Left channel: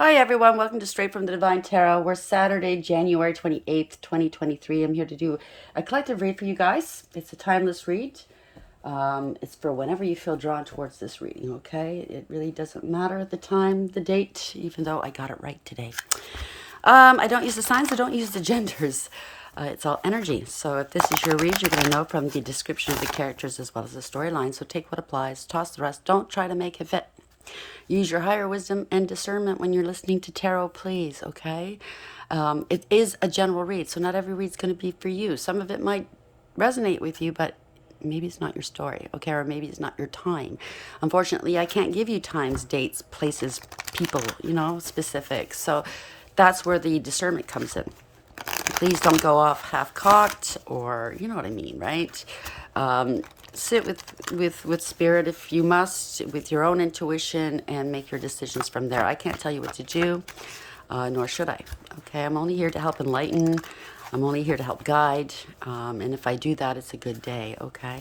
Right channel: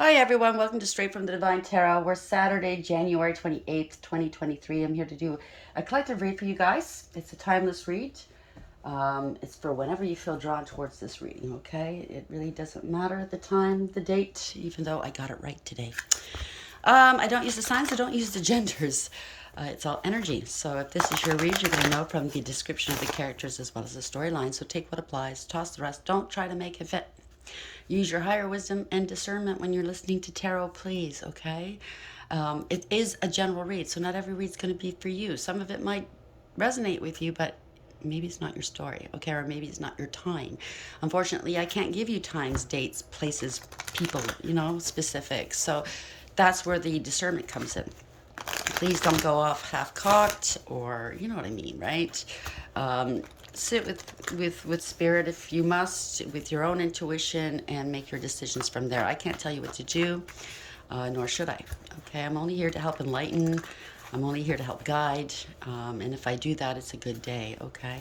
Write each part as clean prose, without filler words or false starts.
Hi everyone, welcome to Straight from the Divine Tarot. We're Saturday, January 28th, 2023. I'm here to do a collective read for you guys. It's a timeless read. It's for whenever you feel drawn towards this reading, okay? It really doesn't matter the time, the date, even though I got it right today. I don't use the signs, I don't use the genders. It's all energy. So if this is your read, you're going to know from the description of the characters as well as the storyline. So take what applies, toss the rest. Don't try to make it fit. Use your higher wisdom and discernment when you're listening to tarot, please, okay? It is a general read, so not every read's going to be for you. Some of it might resonate with you, but maybe it's not your story, okay? Or maybe it's not your time. Unfortunately, I can't give you times, dates, places, people, specific. So that's where the discernment comes in. Please don't go off half-cocked, or you know what I mean, right? Sit with spirit if you must, with your own intuition, and make your decisions from there. I can't tell you what to do, nor should I. Okay, I'm only here to help enlighten. I'm only here to help guide, and if I do that, it's a good day. Okay,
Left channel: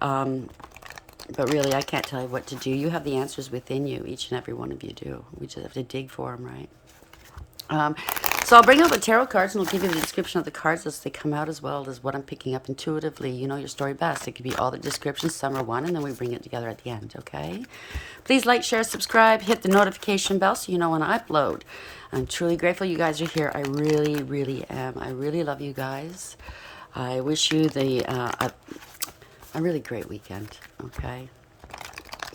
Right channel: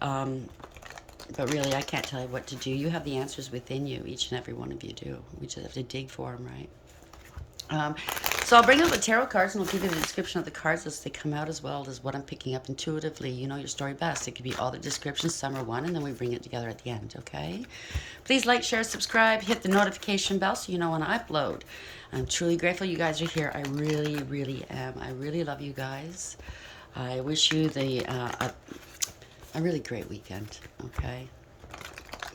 but really, I can't tell you what to do. You have the answers within you. Each and every one of you do. We just have to dig for them, right? So I'll bring out the tarot cards and I'll give you the description of the cards as they come out, as well as what I'm picking up intuitively. You know your story best. It could be all the descriptions, some are one, and then we bring it together at the end, okay? Please like, share, subscribe, hit the notification bell so you know when I upload. I'm truly grateful you guys are here. I really, really am. I really love you guys. I wish you a really great weekend, okay?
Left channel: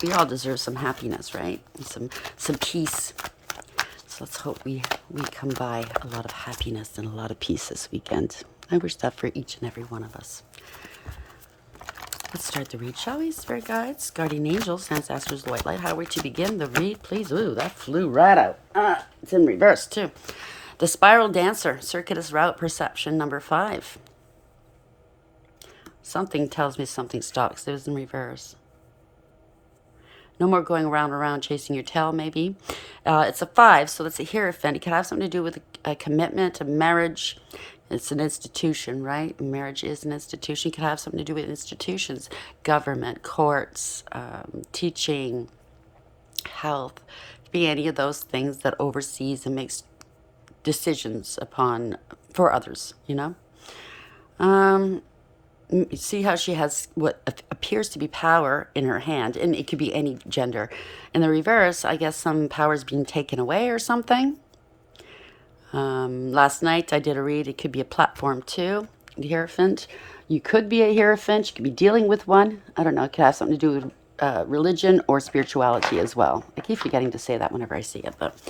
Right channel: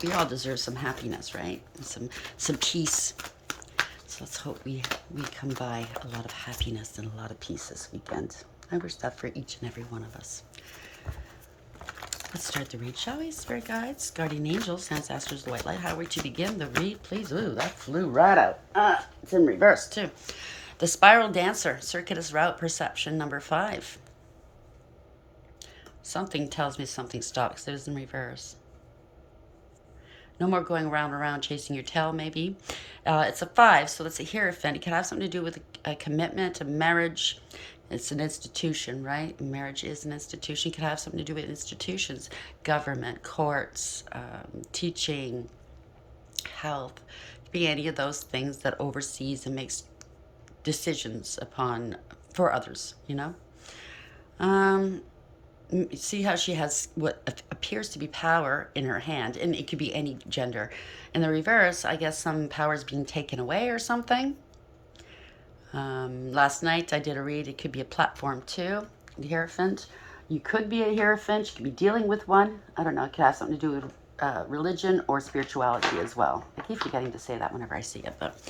We all deserve some happiness, right? And some peace. Let's hope we come by a lot of happiness and a lot of peace this weekend. I wish that for each and every one of us. Let's start the read, shall we? Spirit guides, guardian angels, ancestors, white light. How are we to begin the read, please? Ooh, that flew right out. It's in reverse, too. The Spiral Dancer, circuitous route, perception number 5. Something tells me something stops. It was in reverse. No more going around and around chasing your tail, maybe. It's a 5, so it's a hierophant. It can have something to do with a commitment, a marriage. It's an institution, right? Marriage is an institution. It can have something to do with institutions, government, courts, teaching, health. It could be any of those things that oversees and makes decisions for others, See how she has what appears to be power in her hand, and it could be any gender. In the reverse, I guess some power is being taken away or something. Last night I did a read. It could be a platform too. The Hierophant. You could be a Hierophant. You could be dealing with one. I don't know. It could have something to do with religion or spirituality as well. I keep forgetting to say that whenever I see it, but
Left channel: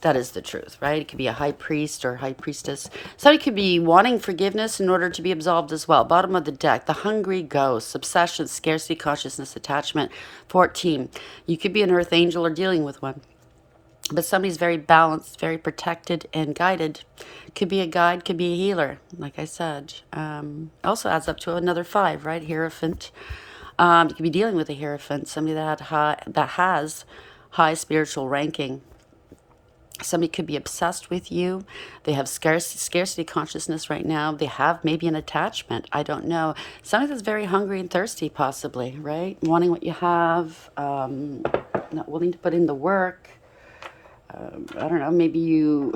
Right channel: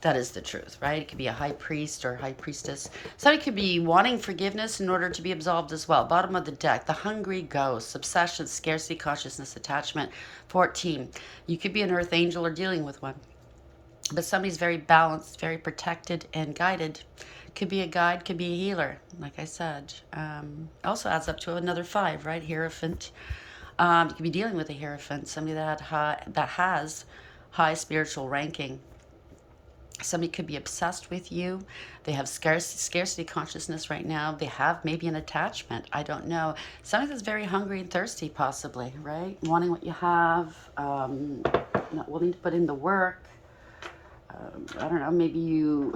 that is the truth, right? It could be a high priest or high priestess. Somebody could be wanting forgiveness in order to be absolved as well. Bottom of the deck, the hungry ghost, obsession, scarcity, consciousness, attachment. 14. You could be an earth angel or dealing with one. But somebody's very balanced, very protected and guided. Could be a guide, could be a healer, like I said. Also adds up to another 5, right? Hierophant. You could be dealing with a Hierophant, somebody that has high spiritual ranking. Somebody could be obsessed with you. They have scarcity consciousness right now. They have maybe an attachment. I don't know. Somebody that's very hungry and thirsty, possibly, right? Wanting what you have, not willing to put in the work. I don't know. Maybe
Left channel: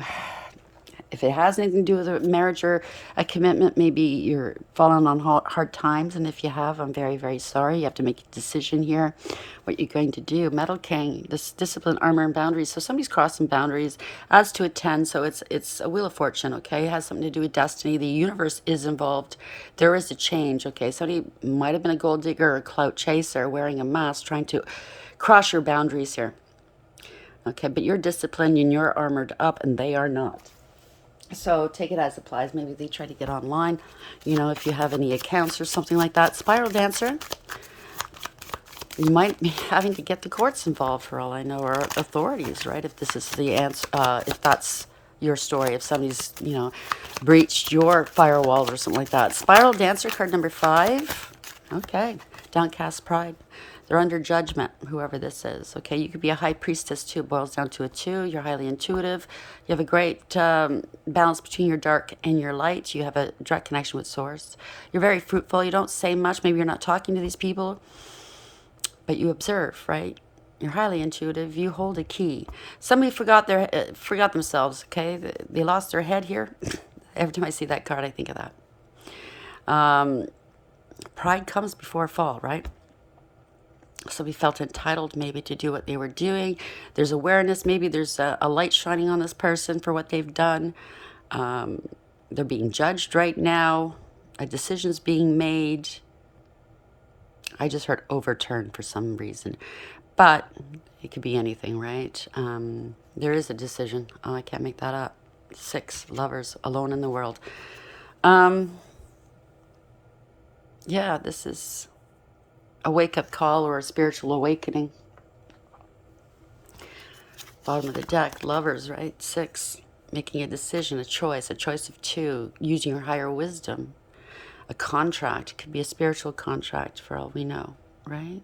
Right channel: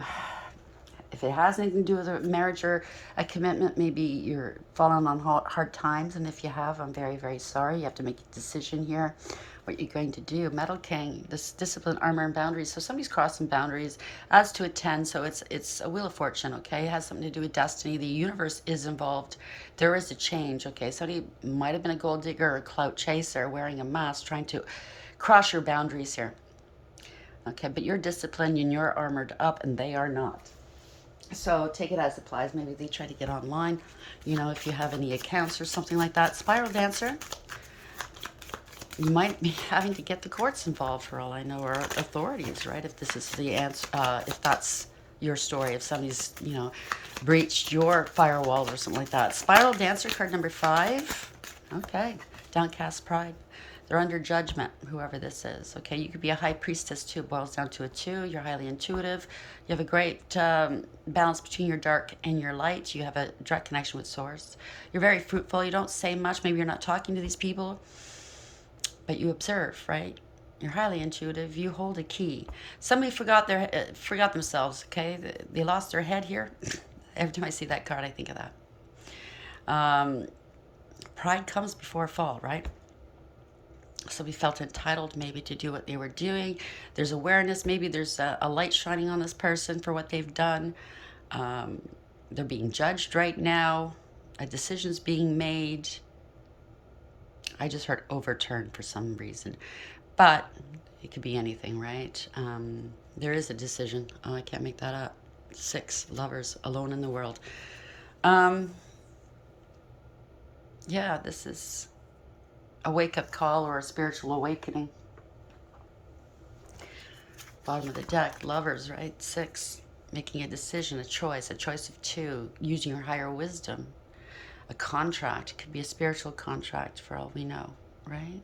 if it has anything to do with a marriage or a commitment, maybe you're falling on hard times. And if you have, I'm very, very sorry. You have to make a decision here, what you're going to do. Metal King, this discipline, armor, and boundaries. So somebody's crossing boundaries, adds to a 10. So it's a Wheel of Fortune, okay? It has something to do with destiny. The universe is involved. There is a change, okay? Somebody might have been a gold digger or a clout chaser wearing a mask, trying to cross your boundaries here. Okay, but you're disciplined and you're armored up, and they are not. So take it as it applies. Maybe they try to get online, if you have any accounts or something like that. Spiral Dancer, you might be having to get the courts involved for all I know, or authorities, right? If this is the answer, if that's your story, if somebody's, breached your firewall or something like that. Spiral Dancer, card number 5. Okay, Downcast Pride. They're under judgment, whoever this is. Okay, you could be a high priestess too. It boils down to a 2. You're highly intuitive. You have a great balance between your dark and your light. You have a direct connection with Source. You're very fruitful. You don't say much. Maybe you're not talking to these people, but you observe, right? You're highly intuitive. You hold a key. Somebody forgot themselves. Okay, they lost their head here. Every time I see that card, I think of that. Pride comes before a fall, right? Somebody felt entitled maybe to do what they were doing. There's awareness. Maybe there's a light shining on this person for what they've done. They're being judged right now. A decision's being made. I just heard overturned for some reason. But it could be anything, right? There is a decision. Oh, I can't make that up. 6 lovers alone in the world. Yeah, this is a wake-up call or a spiritual awakening. Bottom of the deck, lovers, right? 6, making a decision, a choice of 2, using your higher wisdom. A contract, could be a spiritual contract for all we know, right?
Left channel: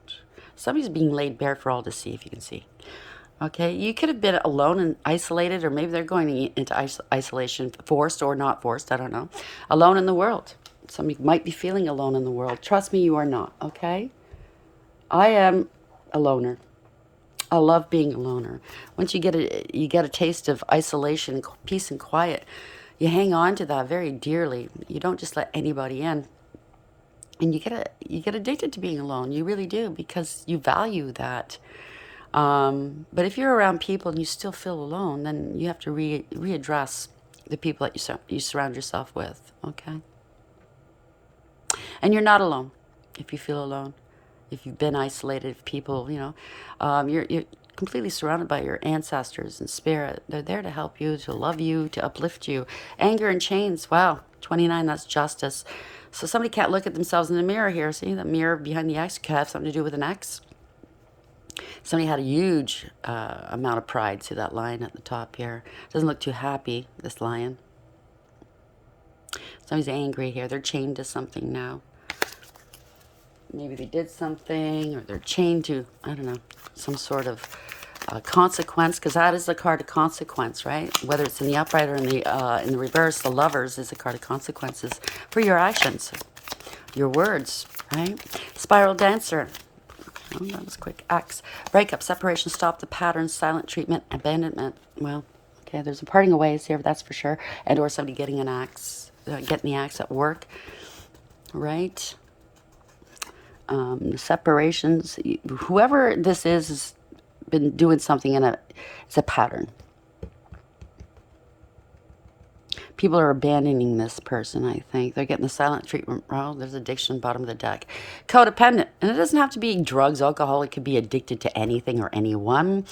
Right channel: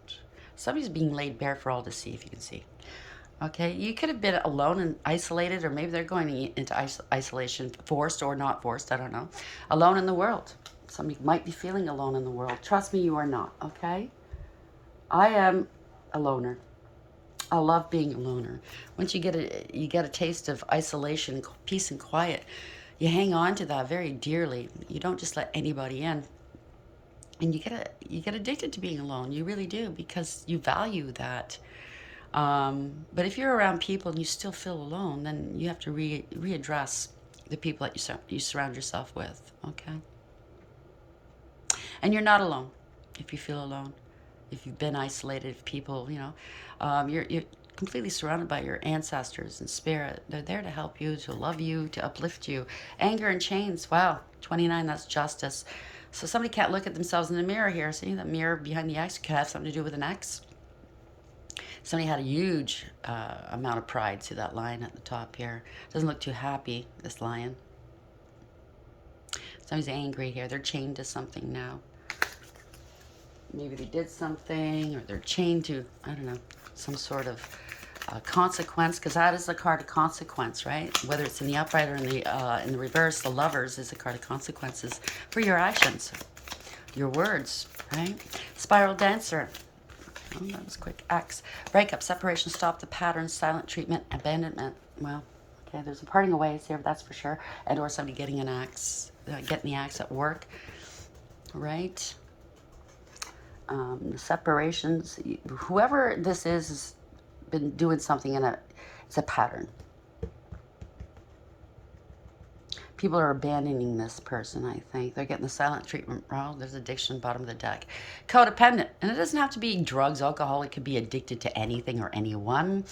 Somebody's being laid bare for all to see, if you can see. Okay, you could have been alone and isolated, or maybe they're going into isolation, forced or not forced, I don't know. Alone in the world. Somebody might be feeling alone in the world. Trust me, you are not, okay? I am a loner. I love being a loner. Once you get a taste of isolation, peace and quiet, you hang on to that very dearly. You don't just let anybody in. And you get addicted to being alone. You really do, because you value that. But if you're around people and you still feel alone, then you have to readdress the people that you surround yourself with, okay? And you're not alone if you feel alone. If you've been isolated, if people, you're completely surrounded by your ancestors and spirit. They're there to help you, to love you, to uplift you. Anger and chains, wow, 29, that's justice. So somebody can't look at themselves in the mirror here. See, the mirror behind the X could have something to do with an X. Somebody had a huge amount of pride. See that lion at the top here? Doesn't look too happy, this lion. Somebody's angry here. They're chained to something now. Maybe they did something, or they're chained to, I don't know, some sort of consequence, because that is the card of consequence, right? Whether it's in the upright or in the reverse, the lovers is a card of consequences for your actions, your words, right? Spiral dancer. Oh, that was quick. Axe. Breakup, separation, stop the pattern, silent treatment, abandonment. Well, okay, there's a parting of ways here, that's for sure. And or somebody getting an axe, getting the axe at work, right? Separations. Whoever this is has been doing something it's a pattern. People are abandoning this person, I think. They're getting the silent treatment. Well, there's addiction, bottom of the deck. Codependent. And it doesn't have to be drugs, alcohol. It could be addicted to anything or anyone.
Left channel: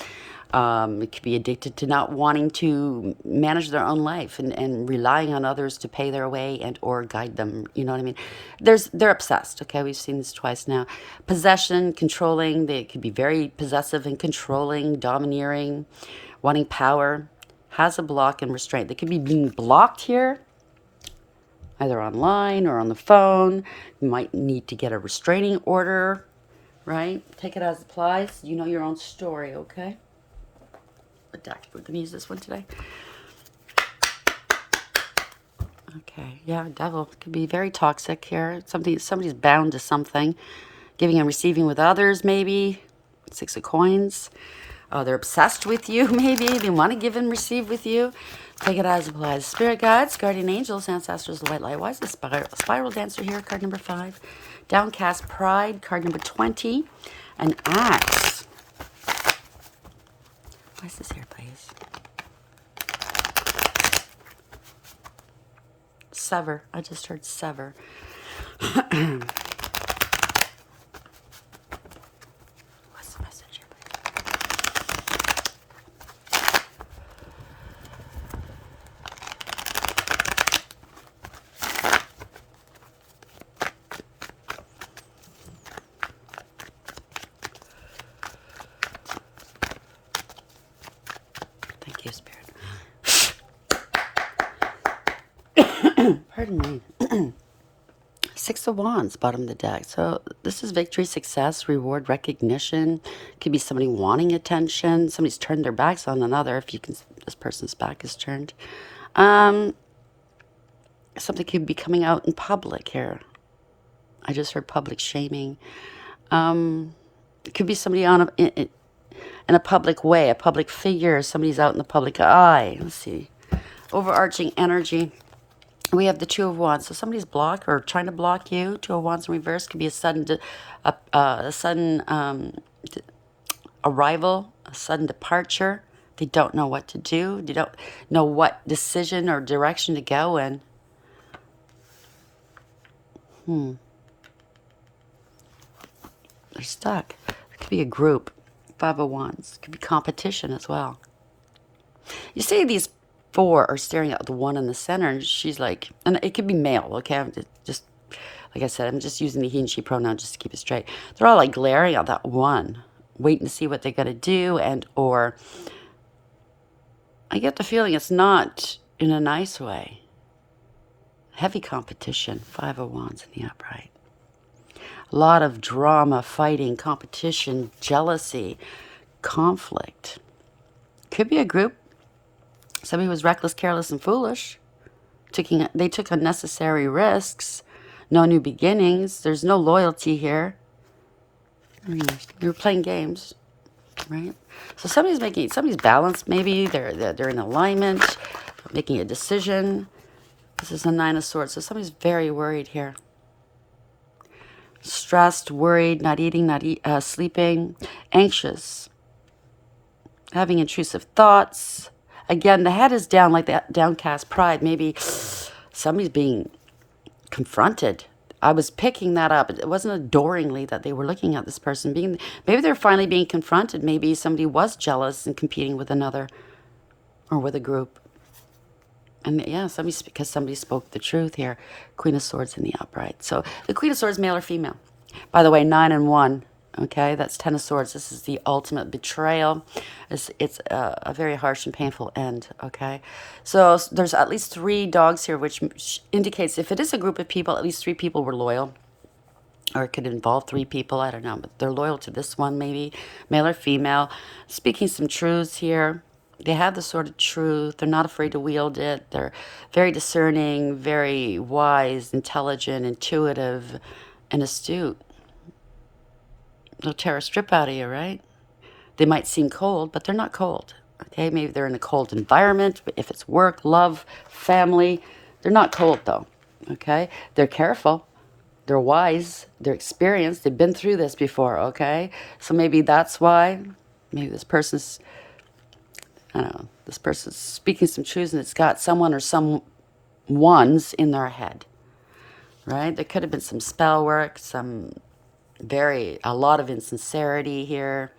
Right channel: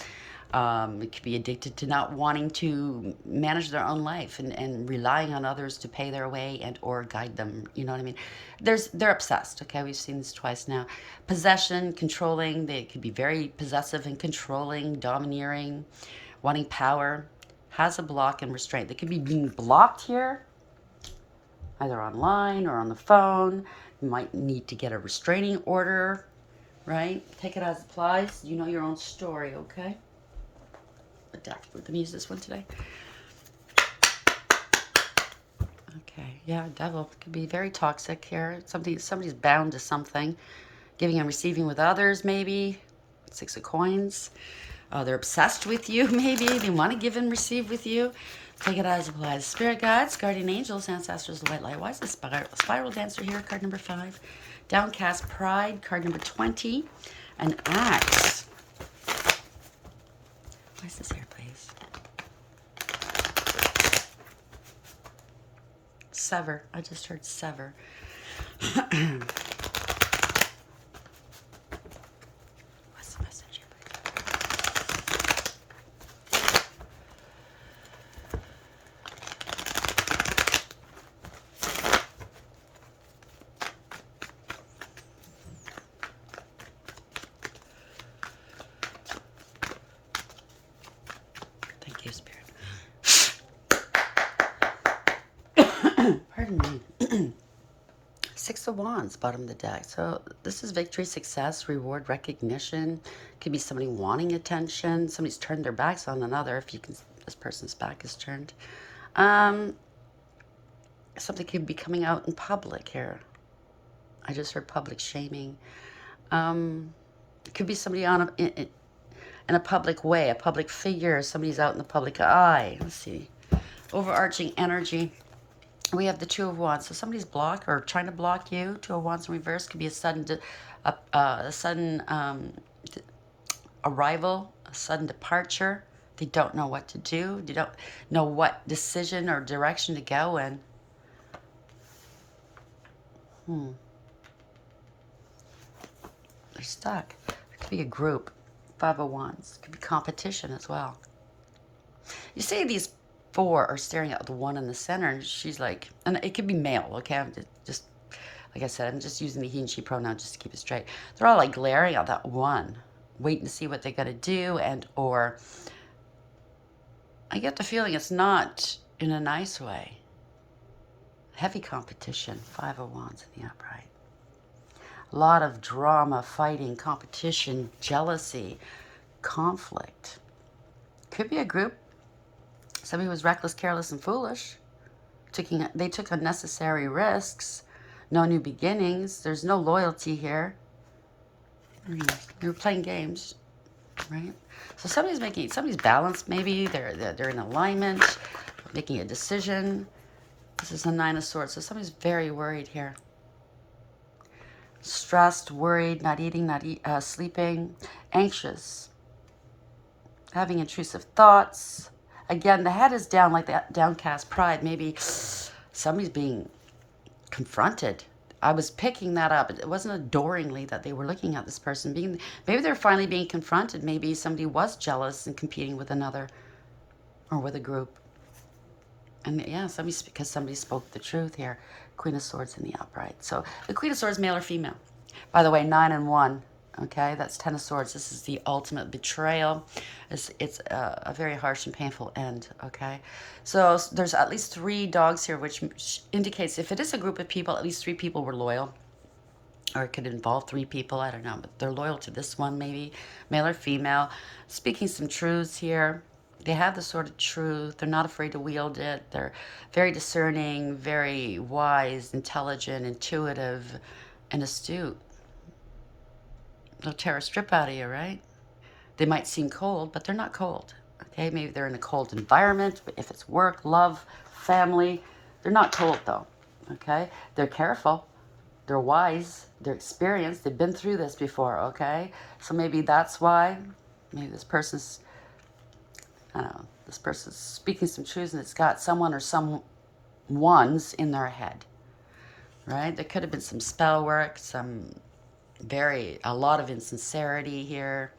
It could be addicted to not wanting to manage their own life and relying on others to pay their way and or guide them. You know what I mean? They're obsessed, okay? We've seen this twice now. Possession, controlling. They could be very possessive and controlling, domineering, wanting power. Has a block and restraint. They could be being blocked here, either online or on the phone. You might need to get a restraining order, right? Take it as it applies. You know your own story, okay? The deck. We're going to use this one today. Okay, yeah, devil could be very toxic here. Somebody's bound to something. Giving and receiving with others, maybe. 6 of coins. They're obsessed with you, maybe. They want to give and receive with you. Take it as it applies. Spirit guides, guardian angels, ancestors, the white light. Why is the spiral dancer here? Card number 5. Downcast pride, card number 20. An axe. Why is this here, please? Sever. I just heard sever. Thank you, Spirit. Pardon me. 6 of Wands, bottom of the deck. So this is victory, success, reward, recognition. Could be somebody wanting attention. Somebody's turned their backs on another. If you can, this person's back is turned. Something could be coming out in public here. I just heard public shaming. It could be somebody on in a public way, a public figure. Somebody's out in the public eye. Let's see. Overarching energy. We have the Two of Wands. So somebody's blocked or trying to block you. Two of Wands in reverse could be a sudden, arrival, a sudden departure. They don't know what to do. They don't know what decision or direction to go in. They're stuck. It could be a group. Five of Wands. It could be competition as well. You see these four are staring at the one in the center, and she's like, and it could be male, okay? I'm just like I said, I'm just using the he and she pronoun just to keep it straight. They're all like glaring at that one, waiting to see what they're going to do, and or I get the feeling it's not in a nice way. Heavy competition. Five of Wands in the upright. A lot of drama, fighting, competition, jealousy, conflict. Could be a group. Somebody was reckless, careless, and foolish. They took unnecessary risks. No new beginnings. There's no loyalty here. You're playing games, right? So somebody's balanced. Maybe they're in alignment, making a decision. This is a Nine of Swords. So somebody's very worried here. Stressed, worried, not eating, not sleeping, anxious, having intrusive thoughts. Again, the head is down like that downcast pride. Maybe somebody's being confronted. I was picking that up. It wasn't adoringly that they were looking at this person. Maybe they're finally being confronted. Maybe somebody was jealous and competing with another or with a group. And yeah, because somebody spoke the truth here. Queen of Swords in the upright. So the Queen of Swords, male or female? By the way, 9 and 1. Okay, that's 10 of Swords. This is the ultimate betrayal. It's a very harsh and painful end. Okay, so there's at least 3 dogs here, which indicates if it is a group of people, at least 3 people were loyal. Or it could involve 3 people, I don't know. But they're loyal to this one, maybe, male or female. Speaking some truths here. They have the sort of truth. They're not afraid to wield it. They're very discerning, very wise, intelligent, intuitive, and astute. They'll tear a strip out of you, right? They might seem cold, but they're not cold. Okay, maybe they're in a cold environment. But if it's work, love, family, they're not cold though. Okay, they're careful. They're wise. They're experienced. They've been through this before. Okay, so maybe that's why. Maybe this person's speaking some truths and it's got someone or some ones in their head, right? There could have been some spell work, a lot of insincerity here,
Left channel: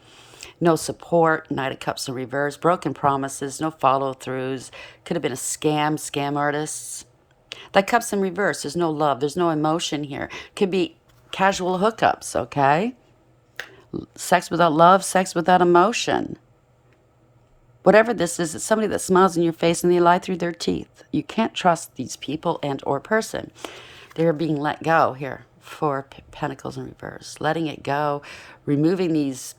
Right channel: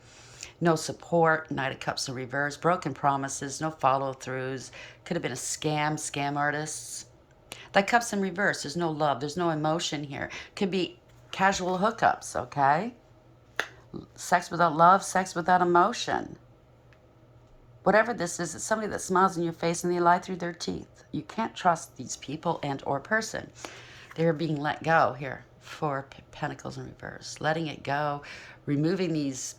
no support, Knight of Cups in reverse, broken promises, no follow-throughs, could have been a scam artists. That Cups in reverse, there's no love, there's no emotion here. Could be casual hookups, okay? Sex without love, sex without emotion. Whatever this is, it's somebody that smiles in your face and they lie through their teeth. You can't trust these people and or person. They're being let go here. 4 Pentacles in reverse. Letting it go. Removing these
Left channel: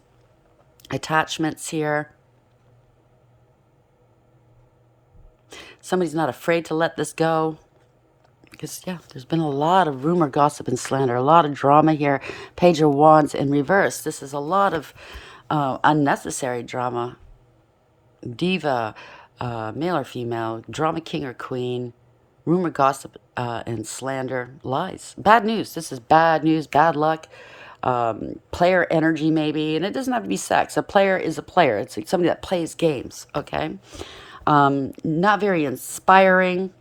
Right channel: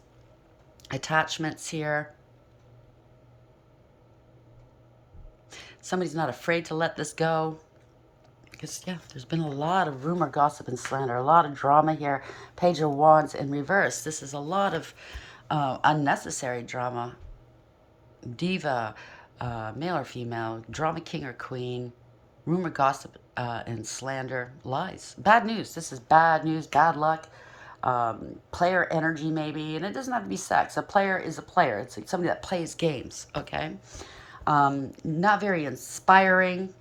attachments here. Somebody's not afraid to let this go. Because, yeah, there's been a lot of rumor, gossip, and slander. A lot of drama here. Page of Wands in reverse. This is a lot of unnecessary drama. Diva, male or female, drama king or queen, rumor, gossip, and slander, lies. Bad news. This is bad news, bad luck. Player energy maybe, and it doesn't have to be sex. A player is a player. It's somebody that plays games, okay? Not very inspiring.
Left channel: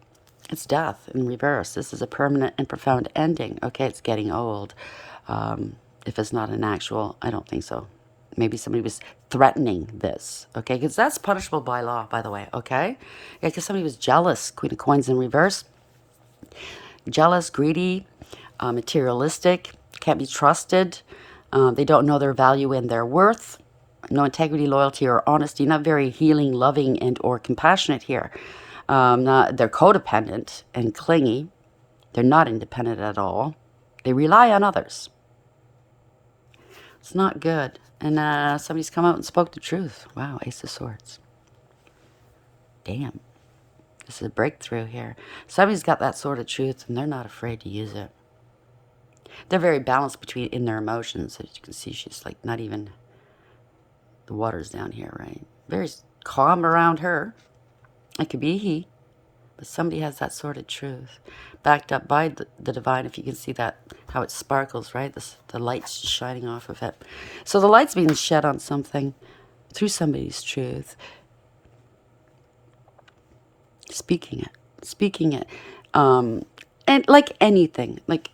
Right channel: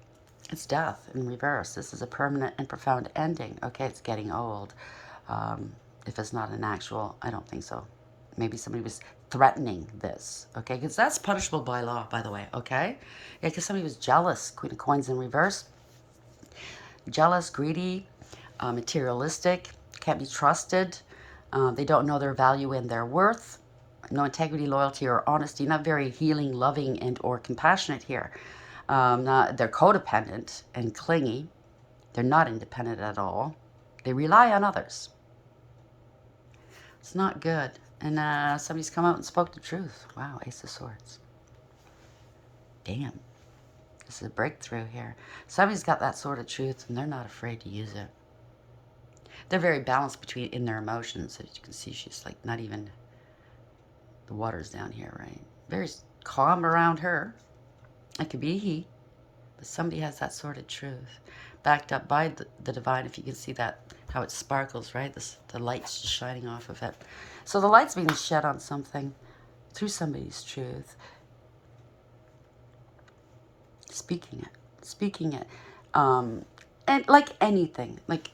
It's death in reverse. This is a permanent and profound ending. Okay, it's getting old. If it's not an actual, I don't think so. Maybe somebody was threatening this, okay? Because that's punishable by law, by the way, okay? Yeah, because somebody was jealous. Queen of Coins in reverse. Jealous, greedy, materialistic, can't be trusted. They don't know their value and their worth. No integrity, loyalty, or honesty. Not very healing, loving, and or compassionate here. They're codependent and clingy. They're not independent at all. They rely on others. It's not good. And somebody's come out and spoke the truth. Wow, Ace of Swords. Damn. This is a breakthrough here. Somebody's got that sort of truth and they're not afraid to use it. They're very balanced in their emotions. As you can see, she's like not even The water's down here, right? Very calm around her. It could be he, but somebody has that sort of truth, backed up by the divine. If you can see that, how it sparkles, right? The light's shining off of it. So the light's being shed on something through somebody's truth. Speaking it. And like anything, like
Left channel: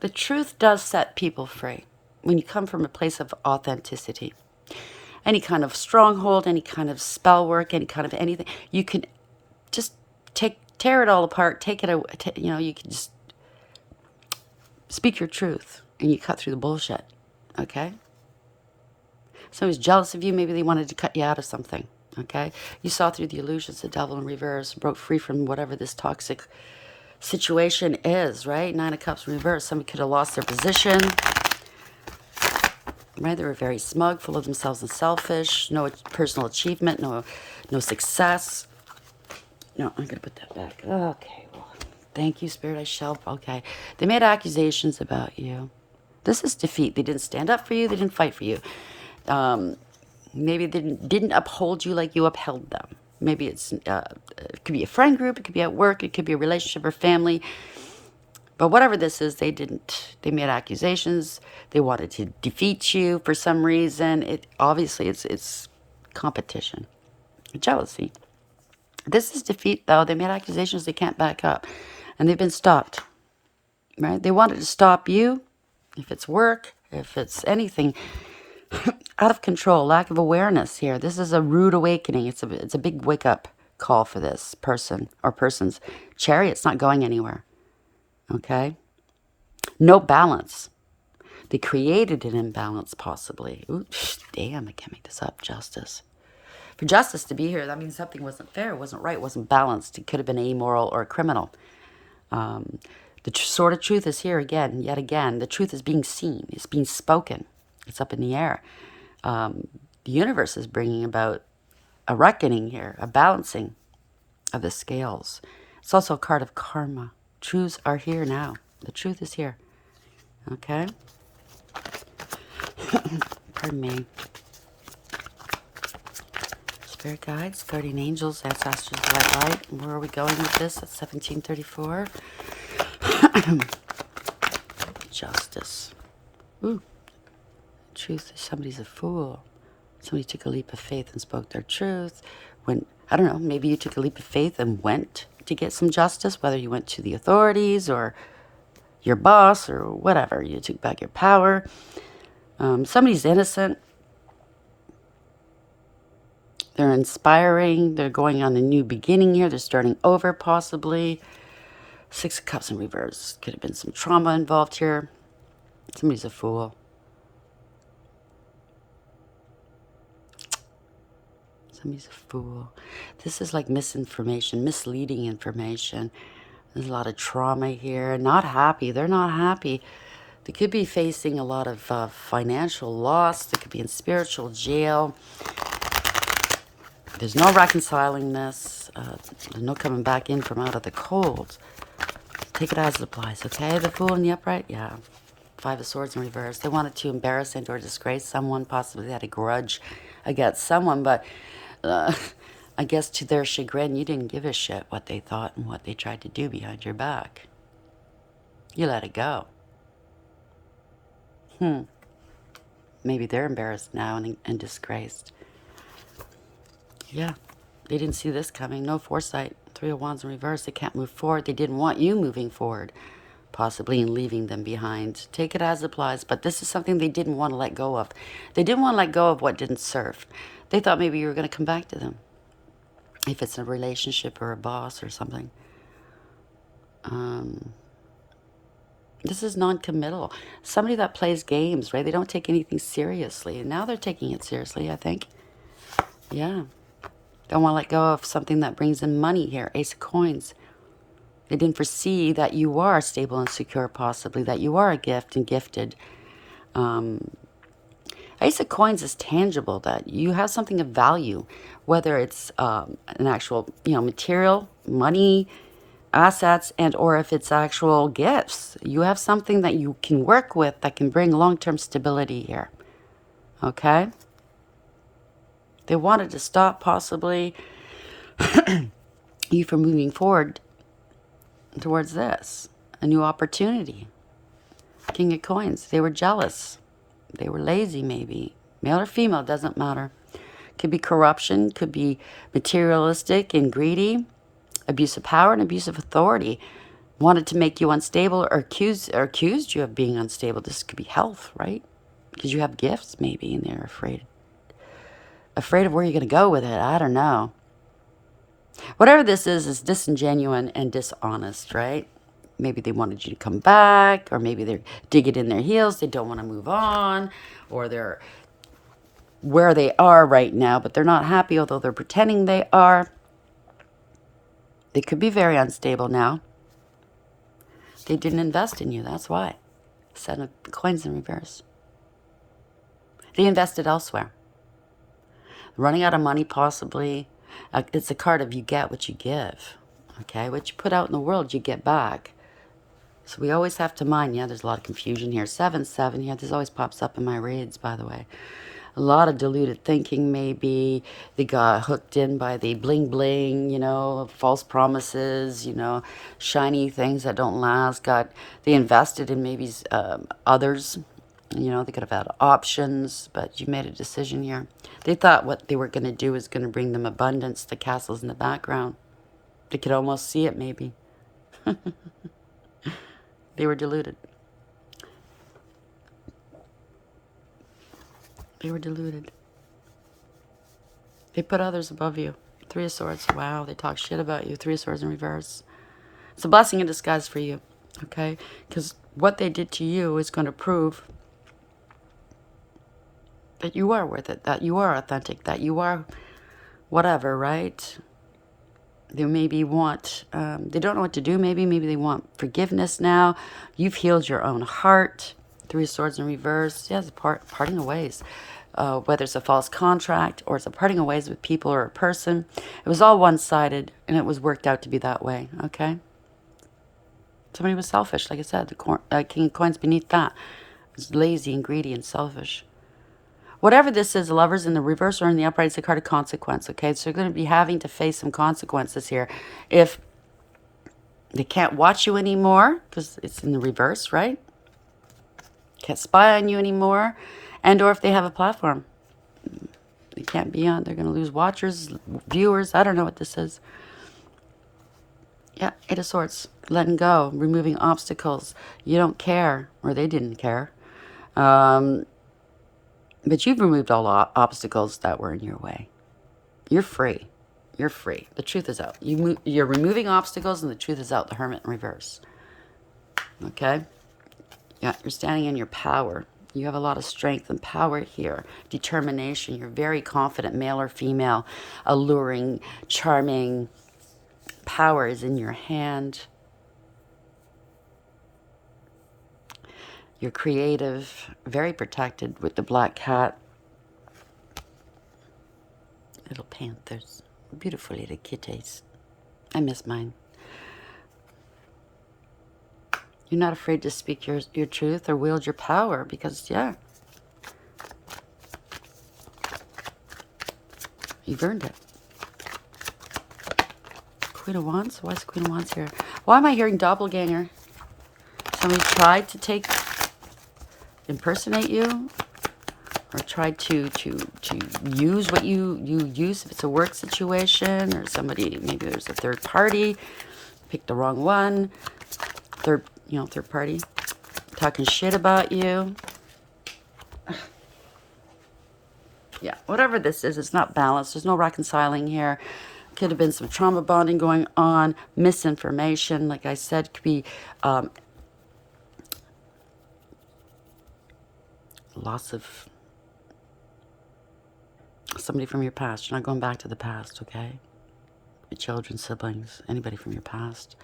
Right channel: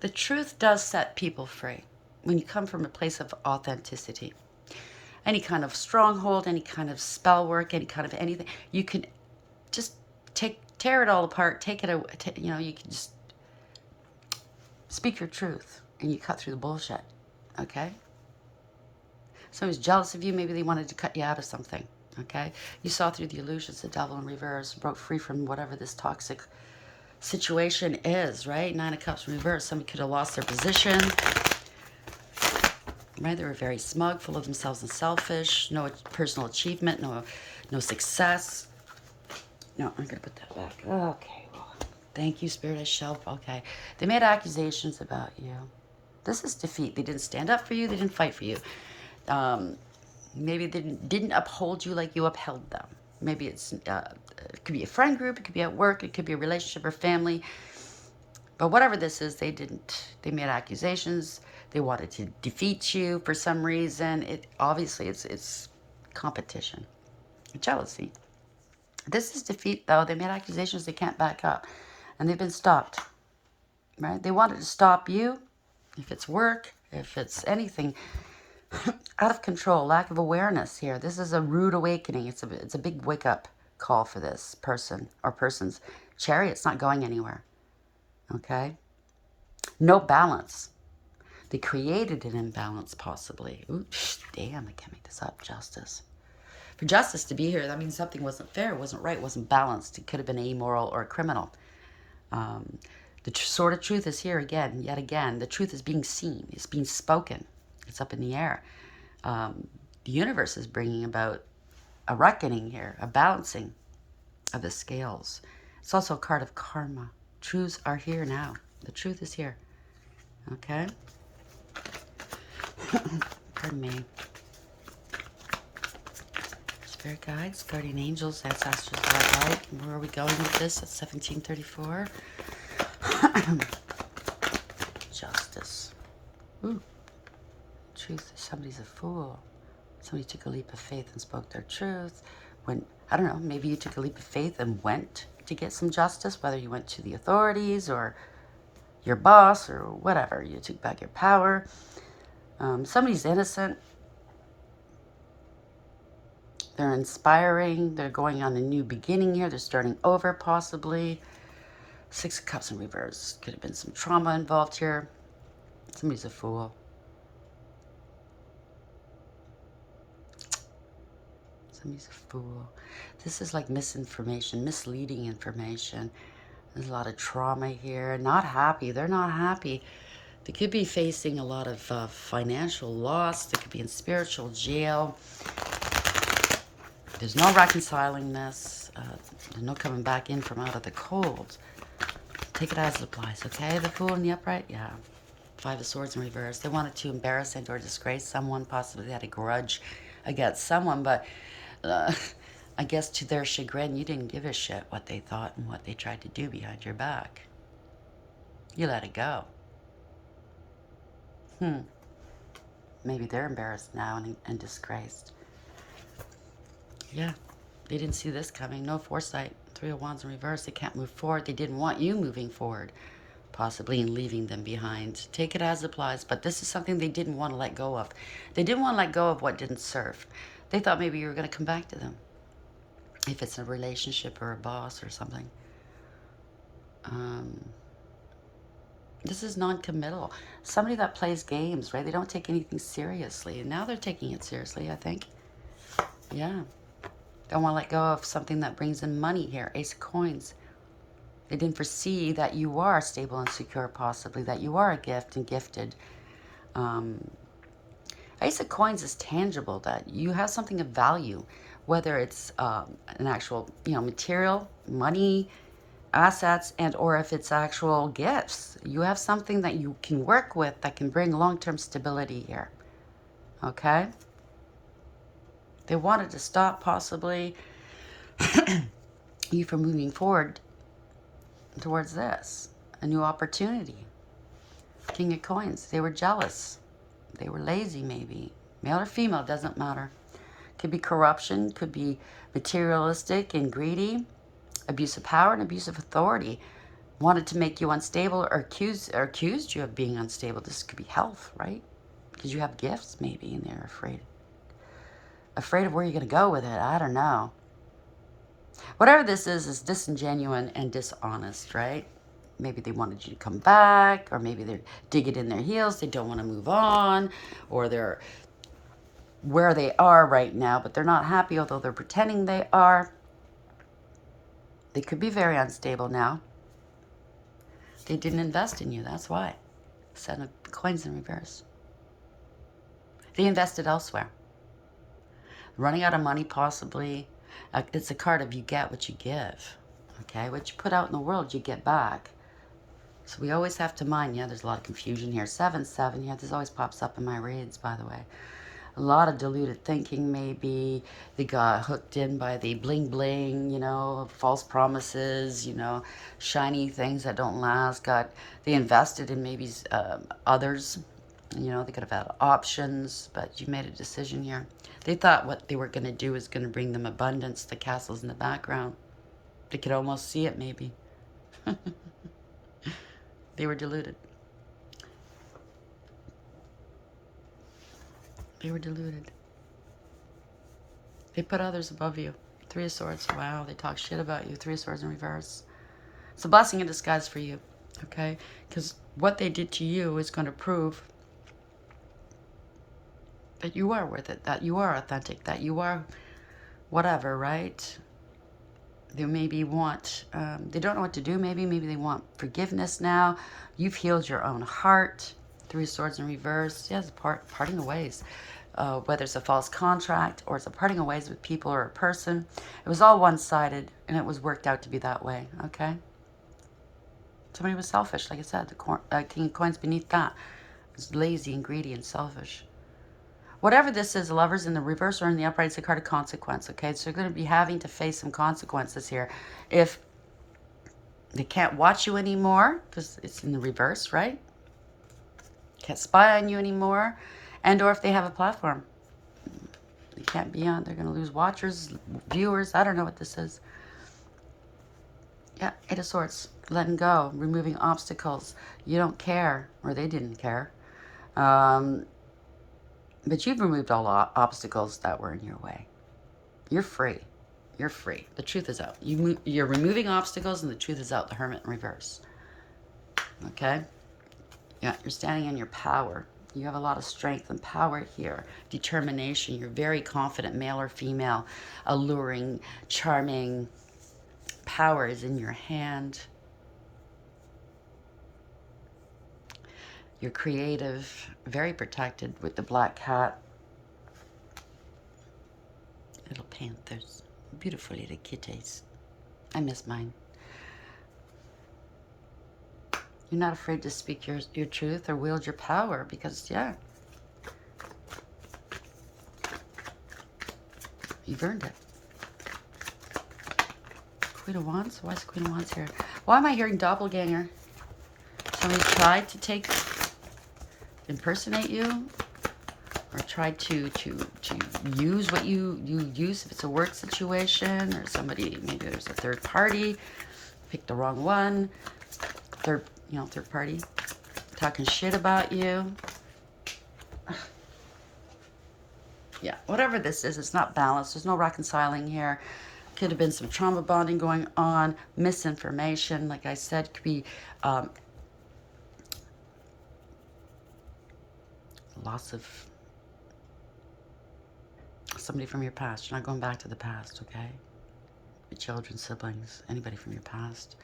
the truth does set people free when you come from a place of authenticity. Any kind of stronghold, any kind of spell work, any kind of anything, you can just tear it all apart, take it away, you can just speak your truth and you cut through the bullshit, okay? Somebody's jealous of you, maybe they wanted to cut you out of something, okay? You saw through the illusions, the devil in reverse, broke free from whatever this toxic situation is, right? Nine of Cups in reverse. Somebody could have lost their position, right? They were very smug, full of themselves and selfish, no personal achievement, no success. No, I'm going to put that back. Okay, well, thank you, Spirit, I shall. Okay. They made accusations about you. This is defeat. They didn't stand up for you. They didn't fight for you. Maybe they didn't uphold you like you upheld them. Maybe it could be a friend group. It could be at work. It could be a relationship or family. But whatever this is, they didn't. They made accusations. They wanted to defeat you for some reason. Obviously it's competition, jealousy. This is defeat, though. They made accusations they can't back up, and they've been stopped. Right? They wanted to stop you, if it's work, if it's anything. Out of control, lack of awareness here. This is a rude awakening. It's a big wake up call for this person or persons. Chariot's not going anywhere. Okay? No balance. They created an imbalance, possibly. Ooh, damn, I can't make this up. Justice. For justice to be here, that means something wasn't fair, wasn't right, wasn't balanced. It could have been amoral or criminal. The sword of truth is here again, yet again. The truth is being seen. It's being spoken. It's up in the air. The universe is bringing about a reckoning here, a balancing of the scales. It's also a card of karma. Truths are here now. The truth is here. Okay? Pardon me. Spirit guides, guardian angels, ancestors, right? Where are we going with this at 1734? Justice. Ooh. Truth. Somebody's a fool. Somebody took a leap of faith and spoke their truth. When, I don't know, maybe you took a leap of faith and went to get some justice, whether you went to the authorities or your boss or whatever. You took back your power. Somebody's innocent. They're inspiring. They're going on a new beginning here. They're starting over, possibly. Six of Cups in reverse. Could have been some trauma involved here. Somebody's a fool. Somebody's a fool. This is like misinformation, misleading information. There's a lot of trauma here. Not happy. They're not happy. They could be facing a lot of financial loss. They could be in spiritual jail. There's no reconciling this. There's no coming back in from out of the cold. Take it as it applies, okay? The Fool in the upright? Yeah. Five of Swords in reverse. They wanted to embarrass and or disgrace someone. Possibly they had a grudge against someone, but I guess to their chagrin, you didn't give a shit what they thought and what they tried to do behind your back. You let it go. Maybe they're embarrassed now and disgraced. Yeah, they didn't see this coming. No foresight. Three of Wands in reverse. They can't move forward. They didn't want you moving forward, possibly, and leaving them behind. Take it as it applies, but this is something they didn't want to let go of. They didn't want to let go of what didn't serve. They thought maybe you were going to come back to them, if it's a relationship or a boss or something. This is non-committal. Somebody that plays games, right? They don't take anything seriously, and now they're taking it seriously, I think. Yeah. Don't want to let go of something that brings in money here. Ace of Coins. They didn't foresee that you are stable and secure, possibly, that you are a gift and gifted. Ace of Coins is tangible, that you have something of value, whether it's an actual, material, money, assets, and or if it's actual gifts. You have something that you can work with that can bring long-term stability here. okay? They wanted to stop possibly you from moving forward towards this, a new opportunity. King of Coins. They were jealous. They were lazy, maybe. Male or female, doesn't matter. Could be corruption, could be materialistic and greedy, abuse of power and abuse of authority. Wanted to make you unstable or accused you of being unstable. This could be health, right? Because you have gifts, maybe, and they're afraid of where you're going to go with it. I don't know. Whatever this is disingenuous and dishonest, right? Maybe they wanted you to come back, or maybe they're digging in their heels. They don't want to move on, or they're where they are right now, but they're not happy, although they're pretending they are. They could be very unstable now. They didn't invest in you, that's why. Seven of Coins in reverse. They invested elsewhere. Running out of money, possibly. It's a card of you get what you give. Okay, what you put out in the world, you get back. So we always have to mind, yeah, there's a lot of confusion here. 7-7, yeah, this always pops up in my reads, by the way. A lot of diluted thinking, maybe. They got hooked in by the bling bling, false promises, shiny things that don't last. They invested in maybe others. They could have had options, but you made a decision here. They thought what they were going to do was going to bring them abundance, the castles in the background. They could almost see it, maybe. They were deluded. They were deluded. They put others above you. 3 of Swords. Wow, they talk shit about you. 3 of Swords in reverse. It's a blessing in disguise for you, okay? Because what they did to you is going to prove that you are worth it, that you are authentic, that you are whatever, right? They maybe want, they don't know what to do, maybe they want forgiveness now. You've healed your own heart. 3 of Swords in reverse. Yes, parting of ways. Whether it's a false contract or it's a parting of ways with people or a person. It was all one-sided, and it was worked out to be that way, okay? Somebody was selfish, like I said. The King of Coins beneath that was lazy and greedy and selfish. Whatever this is, lovers in the reverse or in the upright, it's a card of consequence, okay? So you're going to be having to face some consequences here. If they can't watch you anymore, because it's in the reverse, right? Can't spy on you anymore. And or if they have a platform. They can't be on. They're going to lose watchers, viewers. I don't know what this is. Yeah, 8 of Swords. Letting go. Removing obstacles. You don't care. Or they didn't care. But you've removed all obstacles that were in your way. You're free. You're free. The truth is out. You're removing obstacles and the truth is out. The Hermit in reverse. Okay? Yeah, you're standing in your power. You have a lot of strength and power here. Determination. You're very confident, male or female. Alluring, charming. Power is in your hand. You're creative, very protected with the black cat. Little panthers. Beautiful little kitties. I miss mine. You're not afraid to speak your truth or wield your power because, yeah, you've earned it. Queen of Wands? Why is Queen of Wands here? Why am I hearing doppelganger? Somebody tried to impersonate you or tried to use what you use if it's a work situation or somebody, maybe there's a third party, picked the wrong one, third party, talking shit about you. Yeah, whatever this is, it's not balanced. There's no reconciling here. Could have been some trauma bonding going on, misinformation, like I said, could be loss of somebody from your past. You're not going back to the past, okay? Your children, siblings, anybody from your past.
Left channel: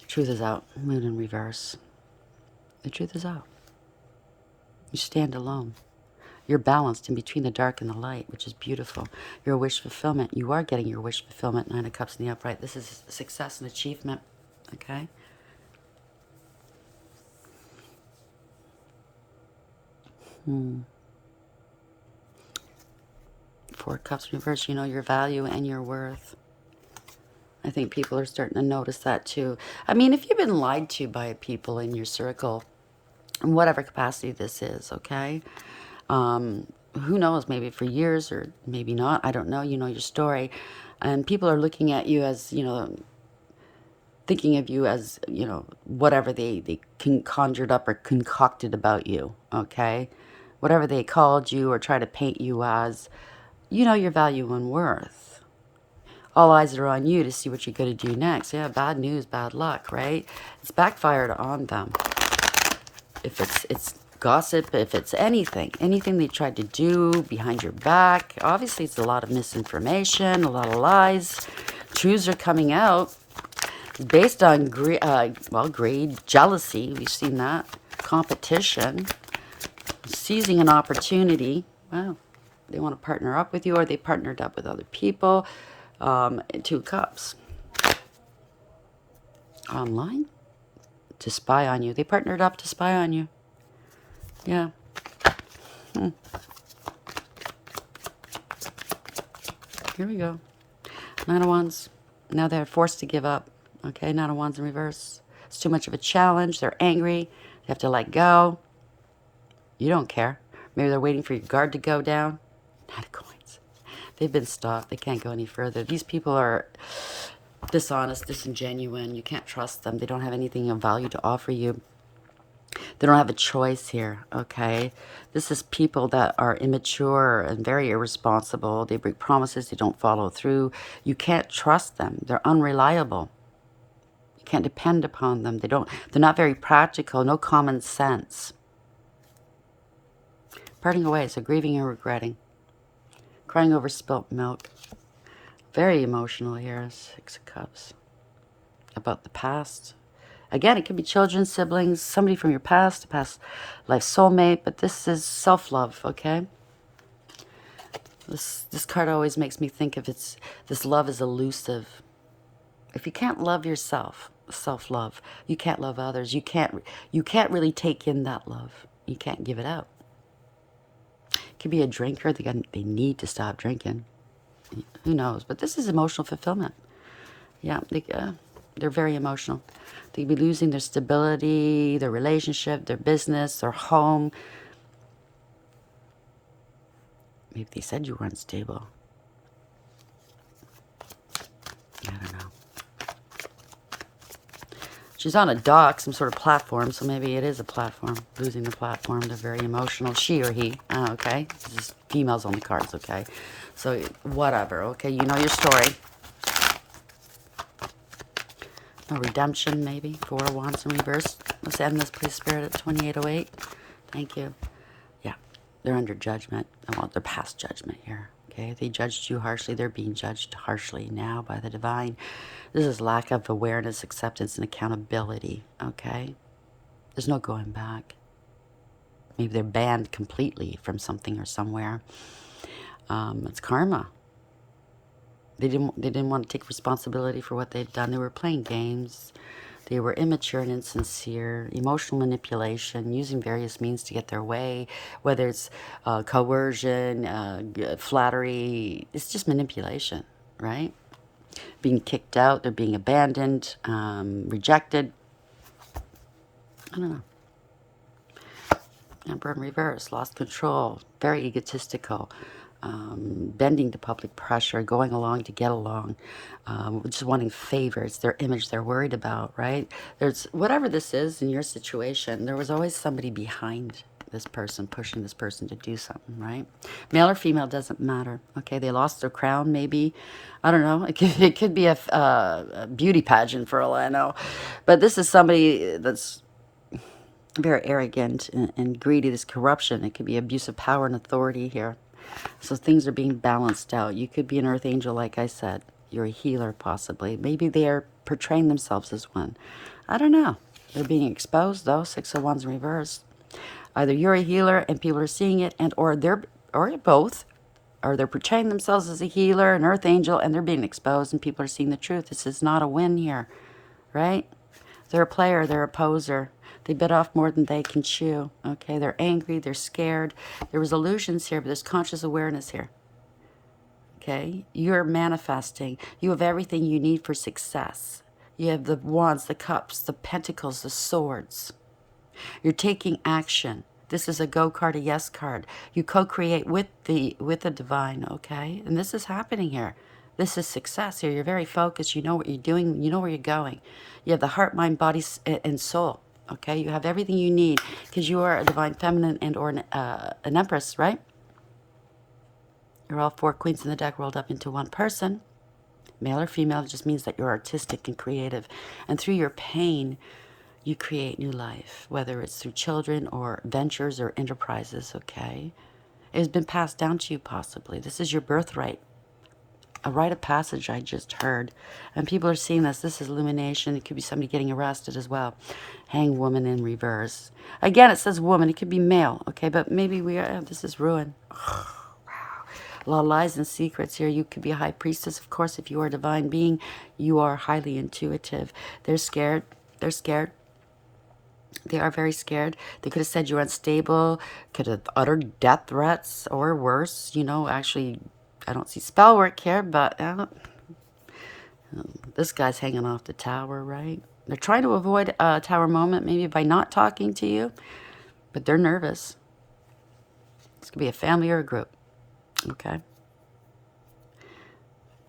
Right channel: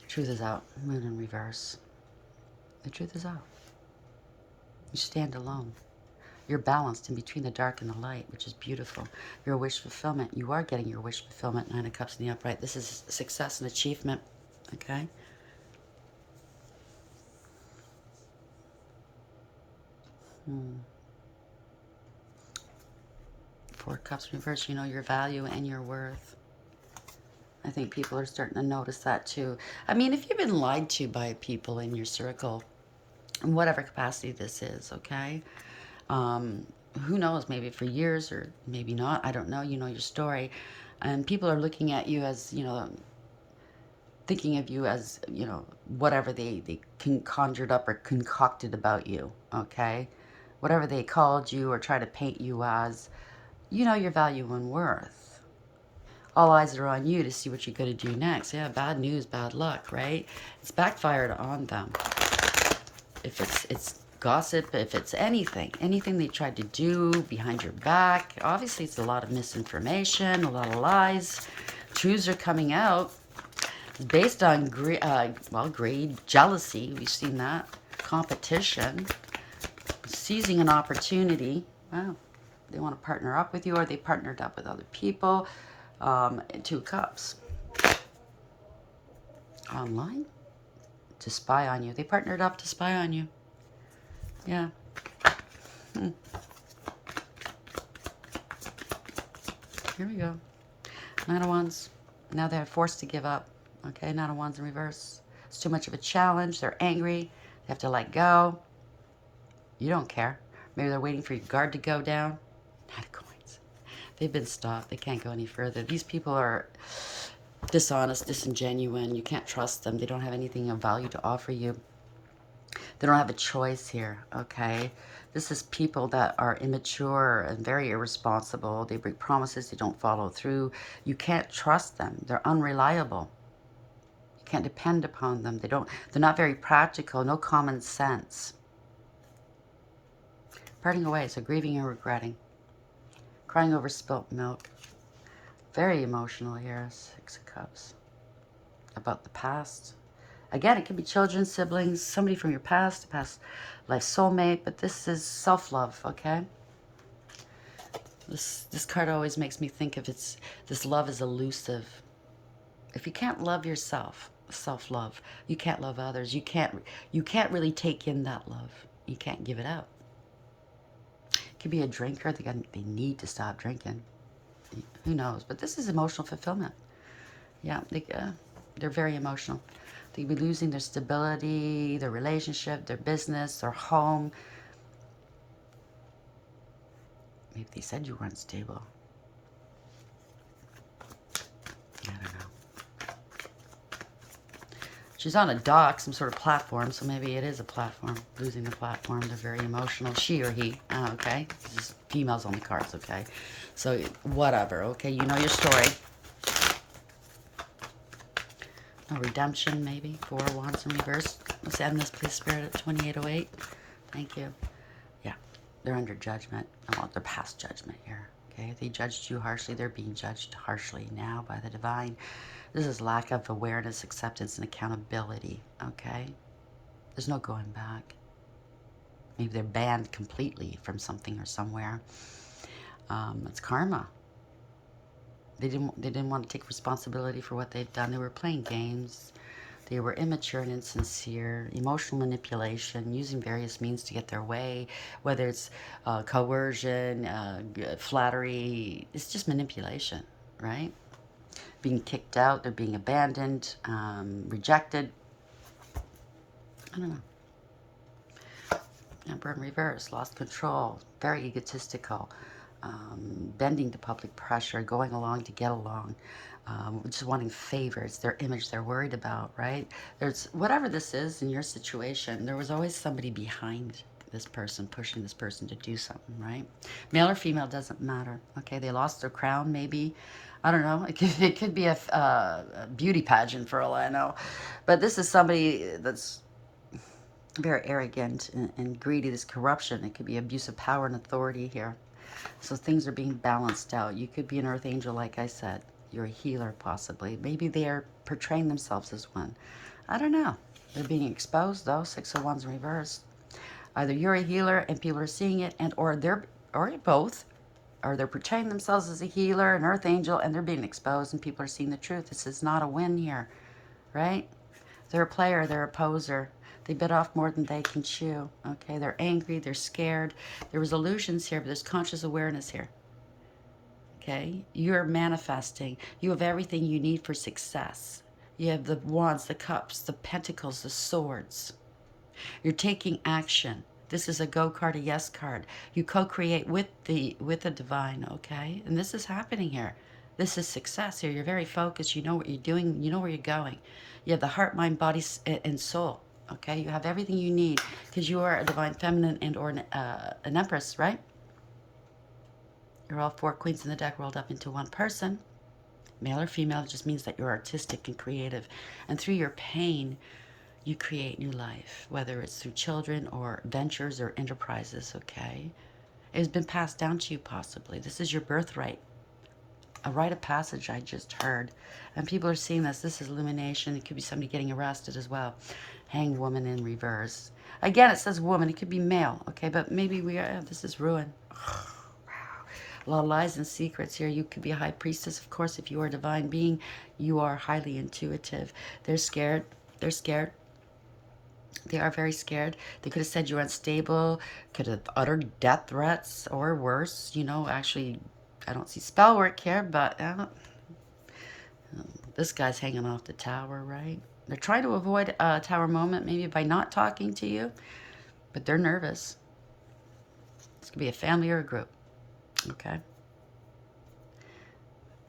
The truth is out. Moon in reverse. The truth is out. You stand alone. You're balanced in between the dark and the light, which is beautiful. Your wish fulfillment. You are getting your wish fulfillment. 9 of Cups in the upright. This is success and achievement, okay? Four of Cups reverse, you know your value and your worth. I think people are starting to notice that too. I mean, if you've been lied to by people in your circle, in whatever capacity this is, okay? Who knows, maybe for years or maybe not. I don't know. You know your story. And people are looking at you as, you know, thinking of you as, you know, whatever they conjured up or concocted about you, okay? Whatever they called you or try to paint you as, you know your value and worth. All eyes are on you to see what you're going to do next. Yeah, bad news, bad luck, right? It's backfired on them. If it's gossip, if it's anything they tried to do behind your back, obviously it's a lot of misinformation, a lot of lies. Truths are coming out. It's based on greed, jealousy. We've seen that. Competition. Seizing an opportunity. Wow. They want to partner up with you, or they partnered up with other people. Two of Cups. Online? To spy on you. They partnered up to spy on you. Yeah. Here we go. Nine of Wands. Now they're forced to give up. Okay, Nine of Wands in reverse. It's too much of a challenge. They're angry. They have to let go. You don't care. Maybe they're waiting for your guard to go down. Nine of Coins. They've been stopped. They can't go any further. These people are dishonest, disingenuous. You can't trust them. They don't have anything of value to offer you. They don't have a choice here, okay? This is people that are immature and very irresponsible. They break promises. They don't follow through. You can't trust them. They're unreliable. You can't depend upon them. They're not very practical. No common sense. Parting away. So grieving and regretting. Crying over spilt milk. Very emotional here. Six of Cups. About the past. Again, it could be children, siblings, somebody from your past, a past life soulmate, but this is self-love, okay? This card always makes me think of this love is elusive. If you can't love yourself, self-love, you can't love others. You can't really take in that love. You can't give it out. It could be a drinker. They need to stop drinking. Who knows? But this is emotional fulfillment. Yeah, they're very emotional. They could be losing their stability, their relationship, their business, their home. Maybe they said you were unstable. I don't know. She's on a dock, some sort of platform, so maybe it is a platform. Losing the platform. They're very emotional. She or he. Oh, okay. This is females on the cards, okay? So, whatever, okay? You know your story. A redemption, maybe. Four of Wands in reverse. Let's end this, please, Spirit, at 2808. Thank you. Yeah, they're under judgment. I want their past judgment here. Okay, they judged you harshly. They're being judged harshly now by the divine. This is lack of awareness, acceptance, and accountability. Okay, there's no going back. Maybe they're banned completely from something or somewhere. It's karma. They didn't want to take responsibility for what they'd done. They were playing games. They were immature and insincere, emotional manipulation, using various means to get their way, whether it's coercion, flattery. It's just manipulation, right? Being kicked out, they're being abandoned, rejected. I don't know. Emperor in reverse, lost control, very egotistical. Bending to public pressure, going along to get along, just wanting favors, their image they're worried about, right? There's whatever this is in your situation, there was always somebody behind this person, pushing this person to do something, right? Male or female, doesn't matter, okay? They lost their crown, maybe. I don't know. It could be a beauty pageant for all I know. But this is somebody that's very arrogant and greedy, this corruption. It could be abuse of power and authority here. So things are being balanced out. You could be an earth angel, like I said. You're a healer, possibly. Maybe they're portraying themselves as one. I don't know. They're being exposed, though. Six of Wands in reverse. Either you're a healer and people are seeing it, or both. Or they're portraying themselves as a healer, an earth angel, and they're being exposed and people are seeing the truth. This is not a win here, right? They're a player. They're a poser. They bit off more than they can chew, okay? They're angry. They're scared. There was illusions here, but there's conscious awareness here. Okay? You're manifesting. You have everything you need for success. You have the wands, the cups, the pentacles, the swords. You're taking action. This is a go card, a yes card. You co-create with the divine, okay? And this is happening here. This is success here. You're very focused. You know what you're doing. You know where you're going. You have the heart, mind, body, and soul. Okay? You have everything you need because you are a divine feminine and or an empress, right? You're all four queens in the deck rolled up into one person. Male or female just means that you're artistic and creative. And through your pain, you create new life, whether it's through children or ventures or enterprises, okay? It has been passed down to you possibly. This is your birthright. A rite of passage I just heard. And people are seeing this. This is illumination. It could be somebody getting arrested as well. Hanged woman in reverse. Again, it says woman. It could be male, okay? But maybe this is ruin. A lot of lies and secrets here. You could be a high priestess, of course, if you are a divine being. You are highly intuitive. They're scared. They're scared. They are very scared. They could have said you're unstable, could have uttered death threats, or worse. You know, actually, I don't see spell work here, but this guy's hanging off the tower, right? They're trying to avoid a tower moment, maybe by not talking to you, but they're nervous. This could be a family or a group, okay?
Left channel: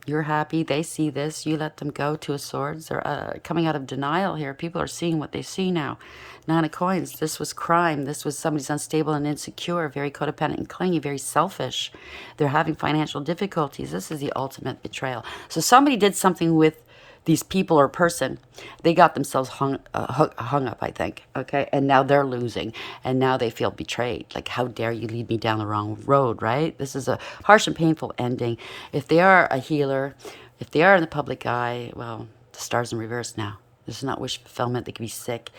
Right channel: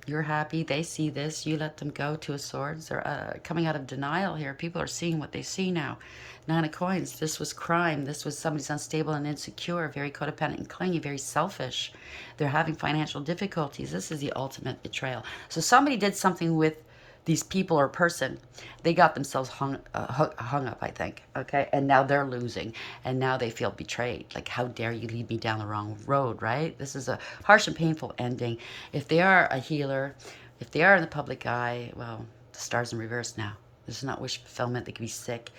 You're happy. They see this. You let them go. Two of Swords. They're coming out of denial here. People are seeing what they see now. Nine of Coins. This was crime. This was somebody's unstable and insecure, very codependent and clingy, very selfish. They're having financial difficulties. This is the ultimate betrayal. So somebody did something with these people or person. They got themselves hung up, I think. Okay, and now they're losing, and now they feel betrayed. Like, how dare you lead me down the wrong road, right? This is a harsh and painful ending. If they are a healer, if they are in the public eye, well, the star's in reverse now. This is not wish fulfillment. They could be sick.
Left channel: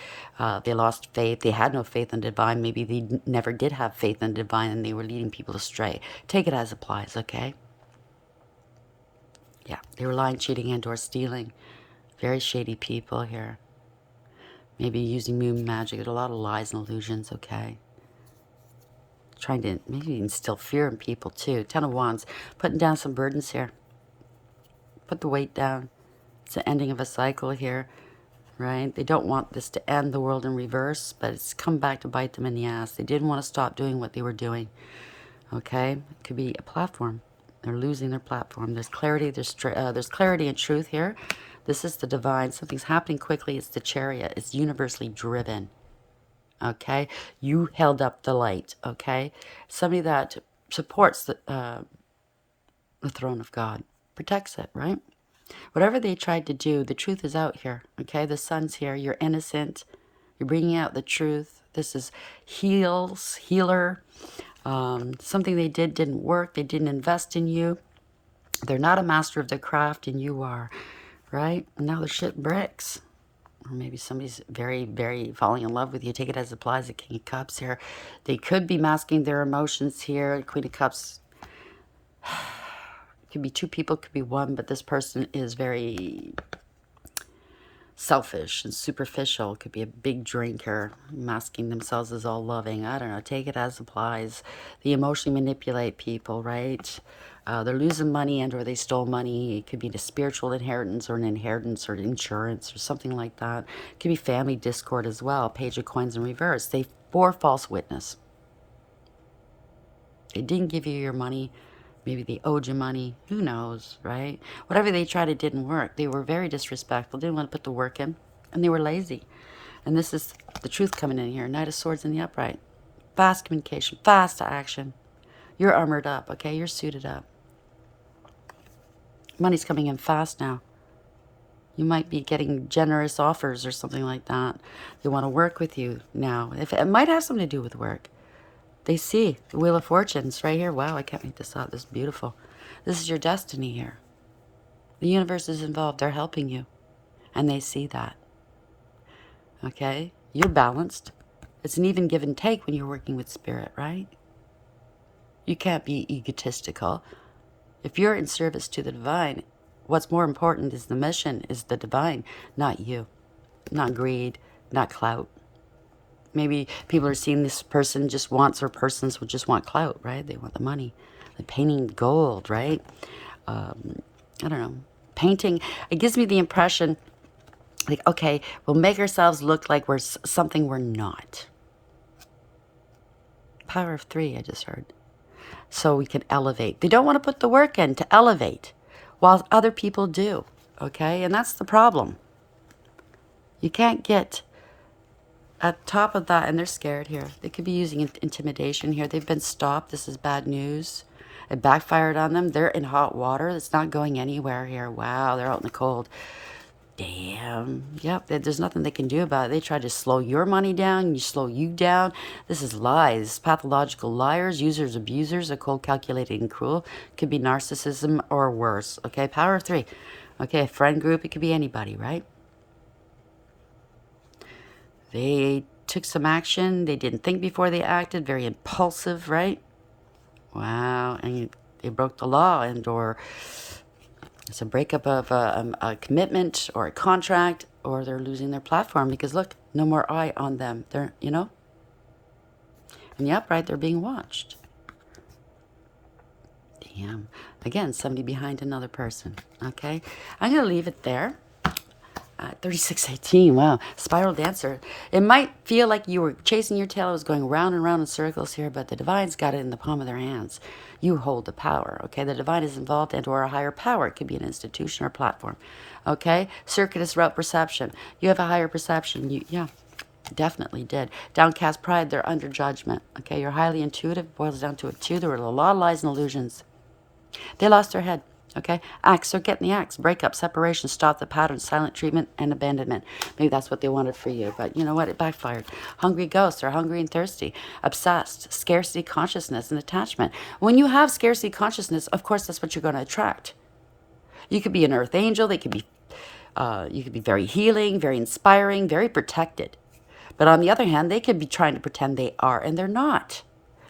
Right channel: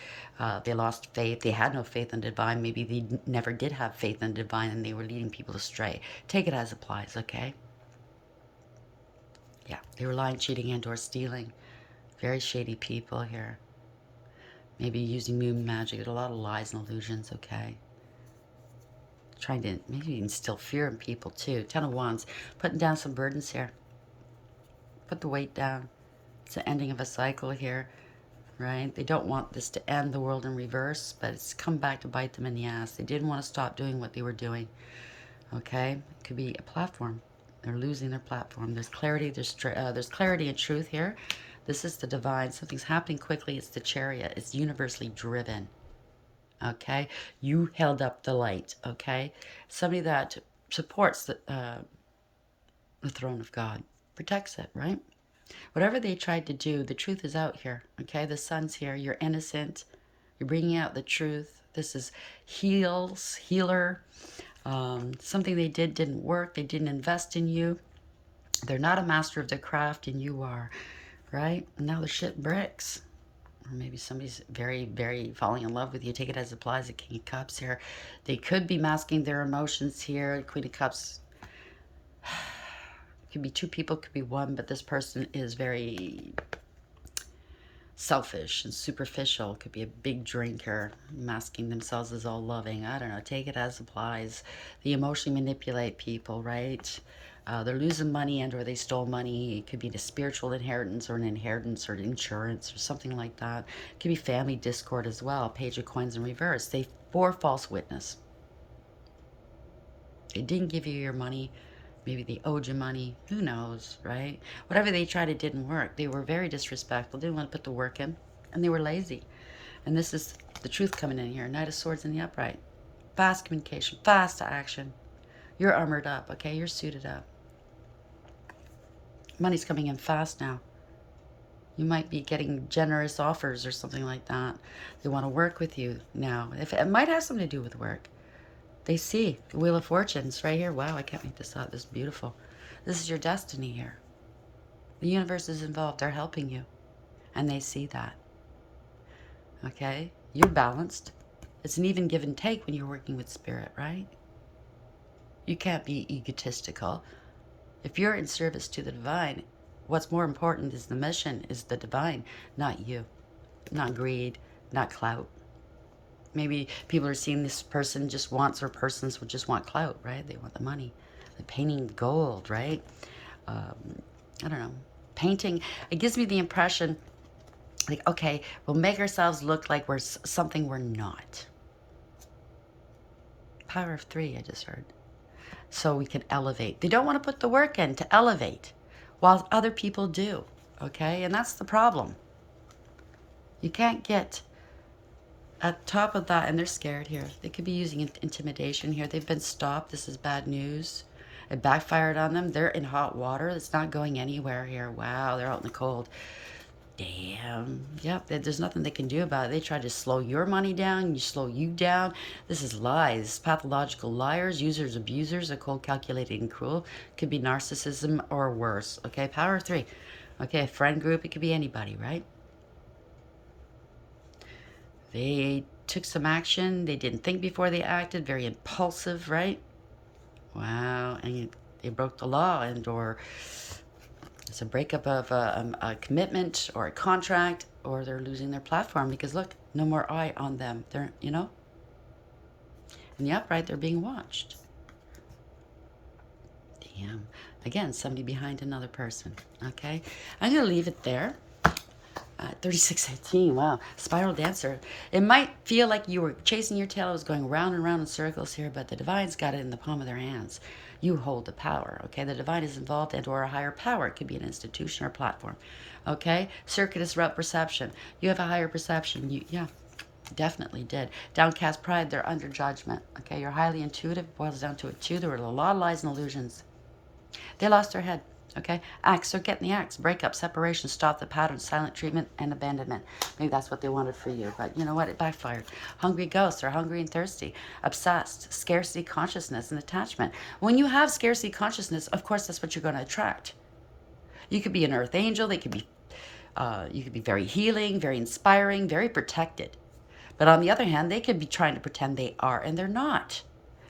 They lost faith. They had no faith in the divine. Maybe they never did have faith in the divine, and they were leading people astray. Take it as applies, okay? Yeah, they were lying, cheating, and or stealing. Very shady people here. Maybe using moon magic. A lot of lies and illusions, okay? Trying to maybe instill fear in people, too. Ten of Wands. Putting down some burdens here. Put the weight down. It's the ending of a cycle here, right? They don't want this to end, the world in reverse, but it's come back to bite them in the ass. They didn't want to stop doing what they were doing, okay? It could be a platform. They're losing their platform. There's clarity. There's clarity and truth here. This is the divine. Something's happening quickly. It's the Chariot. It's universally driven. Okay? You held up the light. Okay? Somebody that supports the throne of God. Protects it, right? Whatever they tried to do, the truth is out here. Okay? The sun's here. You're innocent. You're bringing out the truth. This is healer. Something they didn't work. They didn't invest in you. They're not a master of their craft, and you are, right? And now the shit bricks. Or maybe somebody's very, very falling in love with you. Take it as it applies. The King of Cups here. They could be masking their emotions here. Queen of Cups. Could be two people, could be one, but this person is very selfish and superficial. Could be a big drinker, masking themselves as all loving. I don't know. Take it as applies. They emotionally manipulate people, right? They're losing money and or they stole money. It could be the spiritual inheritance or an inheritance or insurance or something like that. It could be family discord as well. Page of Coins in reverse. They bore false witness. They didn't give you your money. Maybe they owed you money. Who knows, right? Whatever they tried, it didn't work. They were very disrespectful. Didn't want to put the work in. And they were lazy. And this is the truth coming in here. Knight of Swords in the upright. Fast communication. Fast action. You're armored up, okay? You're suited up. Money's coming in fast now. You might be getting generous offers or something like that. They want to work with you now. It might have something to do with work. They see the Wheel of Fortunes right here. Wow, I can't make this out. This is beautiful. This is your destiny here. The universe is involved. They're helping you. And they see that. Okay? You're balanced. It's an even give and take when you're working with spirit, right? You can't be egotistical. If you're in service to the divine, what's more important is the mission, is the divine, not you. Not greed, not clout. Maybe people are seeing this person just wants, or persons would just want clout, right? They want the money. The painting gold, right? I don't know, painting. It gives me the impression, like, okay, we'll make ourselves look like we're something we're not. Power of 3, I just heard. So we can elevate. They don't want to put the work in to elevate, while other people do, okay? And that's the problem. You can't get at top of that, and they're scared here. They could be using intimidation here. They've been stopped. This is bad news. It backfired on them. They're in hot water. It's not going anywhere here. Wow, they're out in the cold. Damn. Yep, there's nothing they can do about it. They try to slow your money down. You slow you down. This is lies. Pathological liars, users, abusers, are cold, calculated, and cruel. Could be narcissism or worse. Okay, power of 3. Okay, a friend group. It could be anybody, right? They took some action. They didn't think before they acted. Very impulsive, right? Wow. And they broke the law, and or it's a breakup of a commitment or a contract, or they're losing their platform because, look, no more eye on them. They're, you know? In the upright, they're being watched. Damn. Again, somebody behind another person. Okay? I'm going to leave it there. 3618, wow. Spiral dancer. It might feel like you were chasing your tail. It was going round and round in circles here, but the divine's got it in the palm of their hands. You hold the power, okay? The divine is involved into our higher power. It could be an institution or platform, okay? Circuitous route perception. You have a higher perception. Yeah, definitely did. Downcast pride, they're under judgment, okay? You're highly intuitive. Boils down to it, too. There were a lot of lies and illusions. They lost their head. Okay, axe, so get in the axe. Breakup, separation, stop the pattern, silent treatment, and abandonment. Maybe that's what they wanted for you, but you know what? It backfired. Hungry ghosts are hungry and thirsty. Obsessed, scarcity consciousness, and attachment. When you have scarcity consciousness, of course, that's what you're going to attract. You could be an earth angel. They could be, you could be very healing, very inspiring, very protected. But on the other hand, they could be trying to pretend they are, and they're not.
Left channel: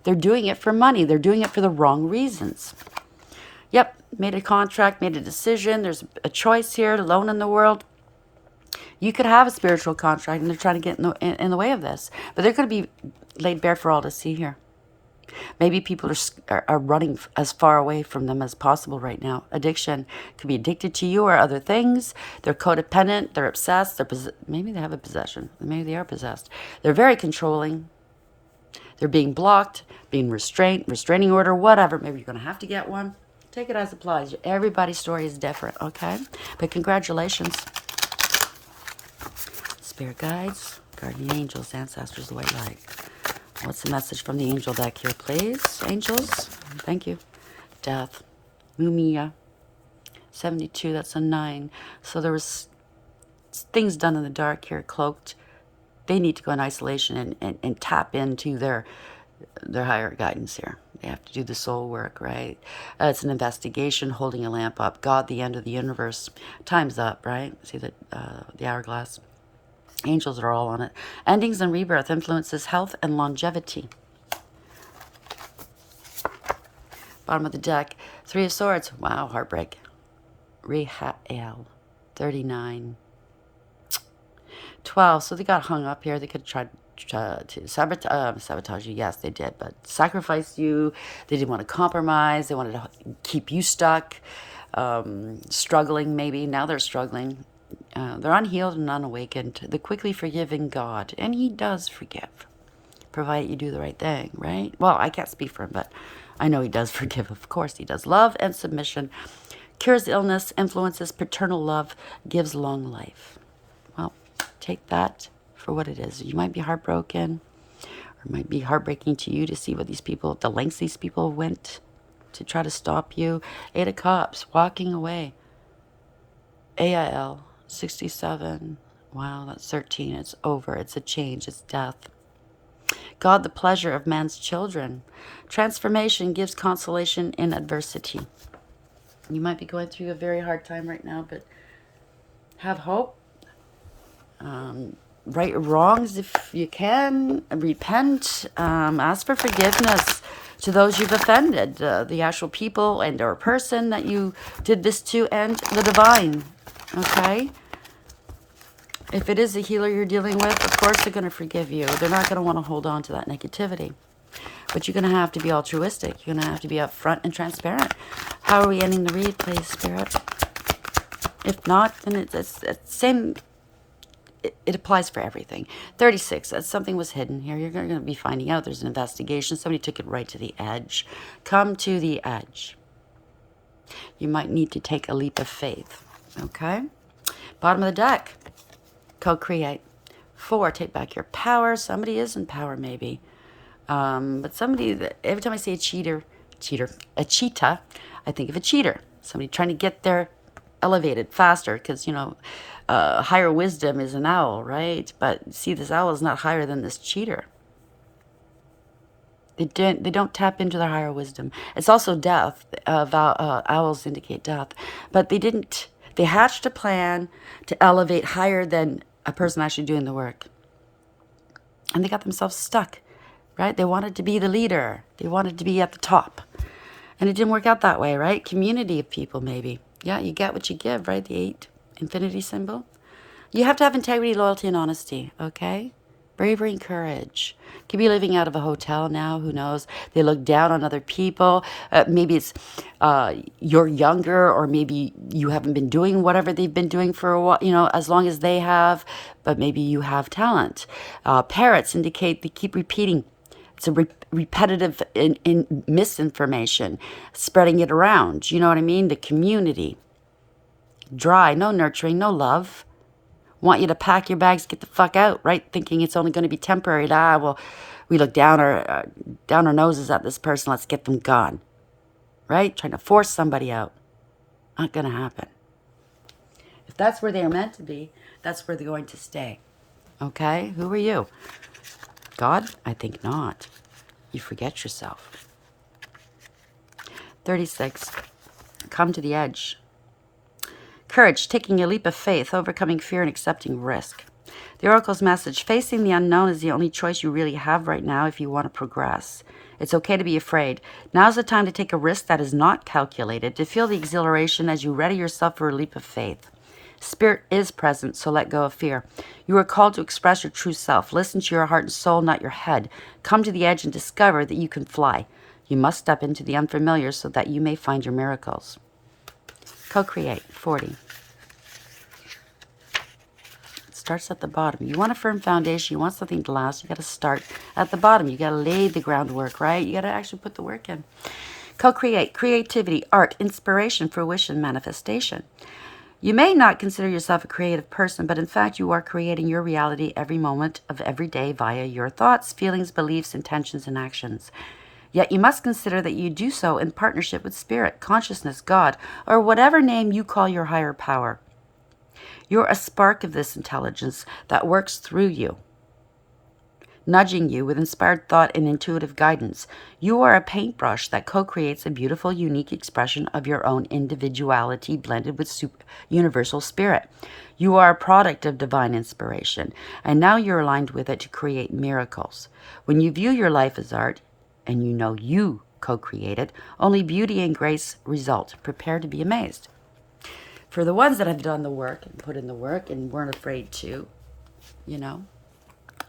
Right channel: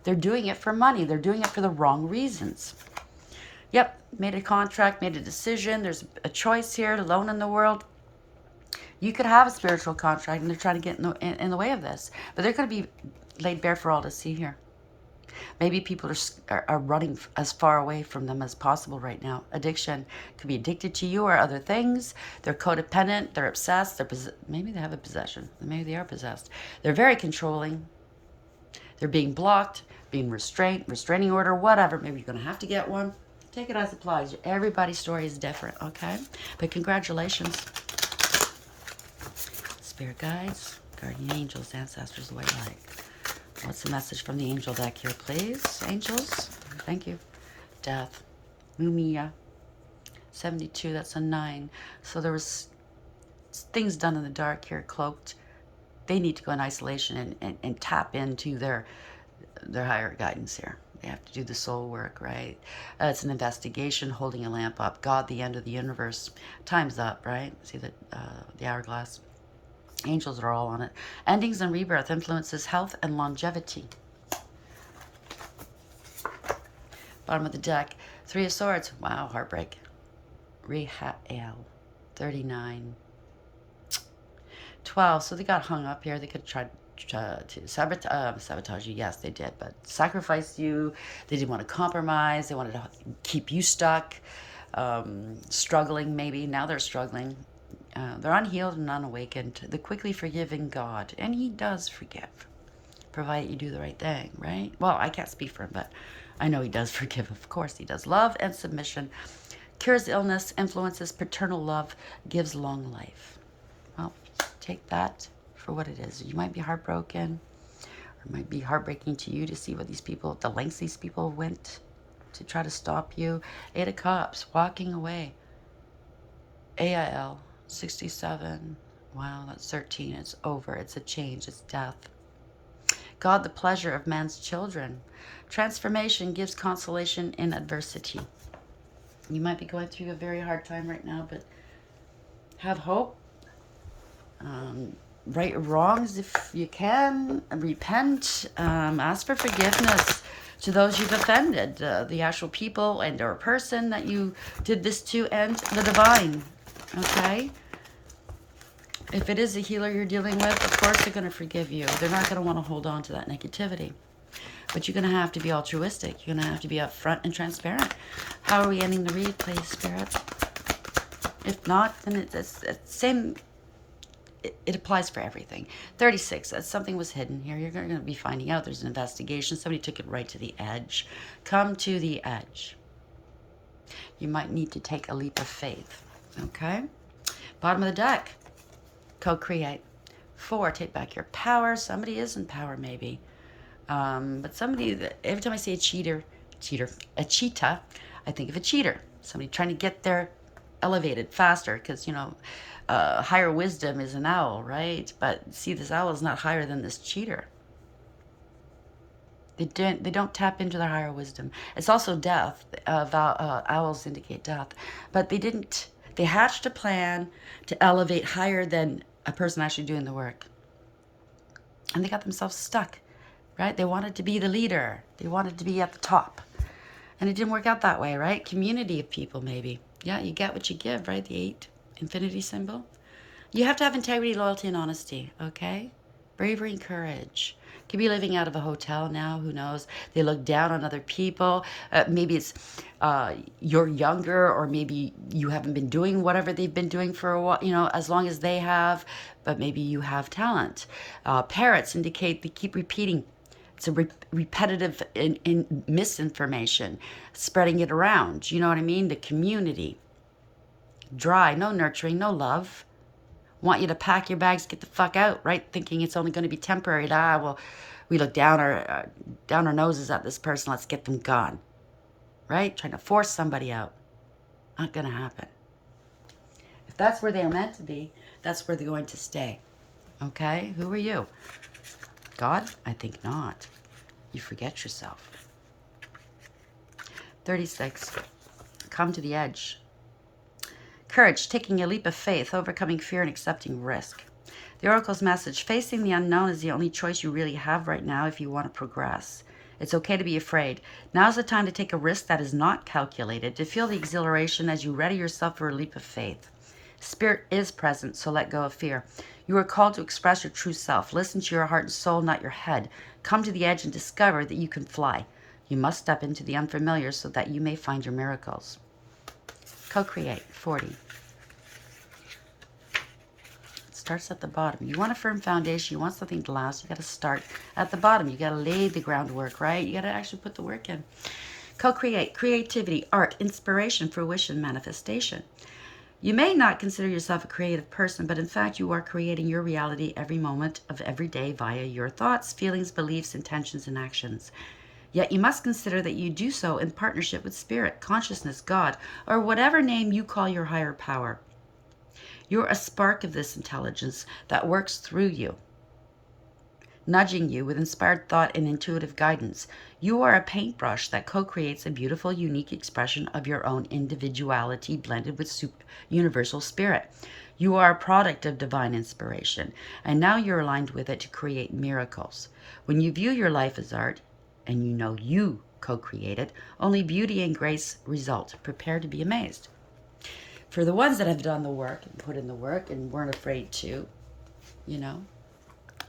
They're doing it for money. They're doing it for the wrong reasons. Yep, made a contract, made a decision. There's a choice here, alone in the world. You could have a spiritual contract, and they're trying to get in the way of this. But they're going to be laid bare for all to see here. Maybe people are running as far away from them as possible right now. Addiction could be addicted to you or other things. They're codependent. They're obsessed. Maybe they have a possession. Maybe they are possessed. They're very controlling. They're being blocked, being restrained, restraining order, whatever. Maybe you're going to have to get one. Take it as it applies. Everybody's story is different, okay? But congratulations. Spirit guides, guardian angels, ancestors, the white light. What's the message from the angel deck here, please? Angels, thank you. Death. Mumia. 72, that's a 9. So there was things done in the dark here, cloaked. They need to go in isolation and tap into their higher guidance here. They have to do the soul work, right? It's an investigation, holding a lamp up. God, the end of the universe. Time's up, right? See the hourglass. Angels are all on it. Endings and rebirth influences health and longevity. Bottom of the deck. 3 of Swords. Wow, heartbreak. Rehael. 39. 12. So they got hung up here. They could try to sabotage you. Yes, they did, but sacrifice you. They didn't want to compromise. They wanted to keep you stuck, struggling maybe. Now they're struggling. They're unhealed and unawakened. The quickly forgiving God, and he does forgive, provided you do the right thing, right? Well, I can't speak for him, but I know he does forgive. Of course he does. Love and submission. Cures illness, influences paternal love, gives long life. Well, take that for what it is. You might be heartbroken, or it might be heartbreaking to you to see what these people, the lengths these people went to try to stop you. 8 of Cups, walking away. AIL, 67. Wow, that's 13. It's over. It's a change. It's death. God, the pleasure of man's children. Transformation gives consolation in adversity. You might be going through a very hard time right now, but have hope. Right wrongs if you can. Repent. Ask for forgiveness to those you've offended. The actual people and or person that you did this to, and the divine. Okay? If it is a healer you're dealing with, of course they're going to forgive you. They're not going to want to hold on to that negativity. But you're going to have to be altruistic. You're going to have to be upfront and transparent. How are we ending the read, please, Spirit? If not, then it's same. It applies for everything. 36, that something was hidden here. You're going to be finding out there's an investigation. Somebody took it right to the edge. Come to the edge. You might need to take a leap of faith. Okay? Bottom of the deck. Co-create. 4, take back your power. Somebody is in power, maybe. But somebody, every time I say a cheater, a cheetah, I think of a cheater. Somebody trying to get there elevated faster because, higher wisdom is an owl, right? But see, this owl is not higher than this cheater. They don't tap into their higher wisdom. It's also death. Owls indicate death. But they hatched a plan to elevate higher than a person actually doing the work. And they got themselves stuck, right? They wanted to be the leader. They wanted to be at the top. And it didn't work out that way, right? Community of people, maybe. Yeah, you get what you give, right? The 8 infinity symbol. You have to have integrity, loyalty, and honesty, okay? Bravery and courage. Could be living out of a hotel now, who knows? They look down on other people. Maybe it's you're younger, or maybe you haven't been doing whatever they've been doing for a while, as long as they have, but maybe you have talent. Parrots indicate they keep repeating. It's a repetitive in misinformation, spreading it around. You know what I mean? The community. Dry, no nurturing, no love. Want you to pack your bags, get the fuck out, right? Thinking it's only going to be temporary. Well, we look down our noses at this person. Let's get them gone, right? Trying to force somebody out. Not going to happen. If that's where they're meant to be, that's where they're going to stay. Okay? Who are you? God? I think not. You forget yourself. 36. Come to the edge. Courage, taking a leap of faith, overcoming fear, and accepting risk. The Oracle's message, facing the unknown is the only choice you really have right now if you want to progress. It's okay to be afraid. Now's the time to take a risk that is not calculated, to feel the exhilaration as you ready yourself for a leap of faith. Spirit is present, so let go of fear. You are called to express your true self. Listen to your heart and soul, not your head. Come to the edge and discover that you can fly. You must step into the unfamiliar so that you may find your miracles. Co-create. 40. It starts at the bottom. You want a firm foundation. You want something to last. You got to start at the bottom. You got to lay the groundwork, right? You got to actually put the work in. Co-create. Creativity, art, inspiration, fruition, manifestation. You may not consider yourself a creative person, but in fact, you are creating your reality every moment of every day via your thoughts, feelings, beliefs, intentions, and actions. Yet you must consider that you do so in partnership with Spirit, Consciousness, God, or whatever name you call your higher power. You're a spark of this intelligence that works through you, nudging you with inspired thought and intuitive guidance. You are a paintbrush that co-creates a beautiful, unique expression of your own individuality blended with universal spirit. You are a product of divine inspiration, and now you're aligned with it to create miracles. When you view your life as art, and you know you co-created, only beauty and grace result. Prepare to be amazed. For the ones that have done the work and put in the work and weren't afraid to,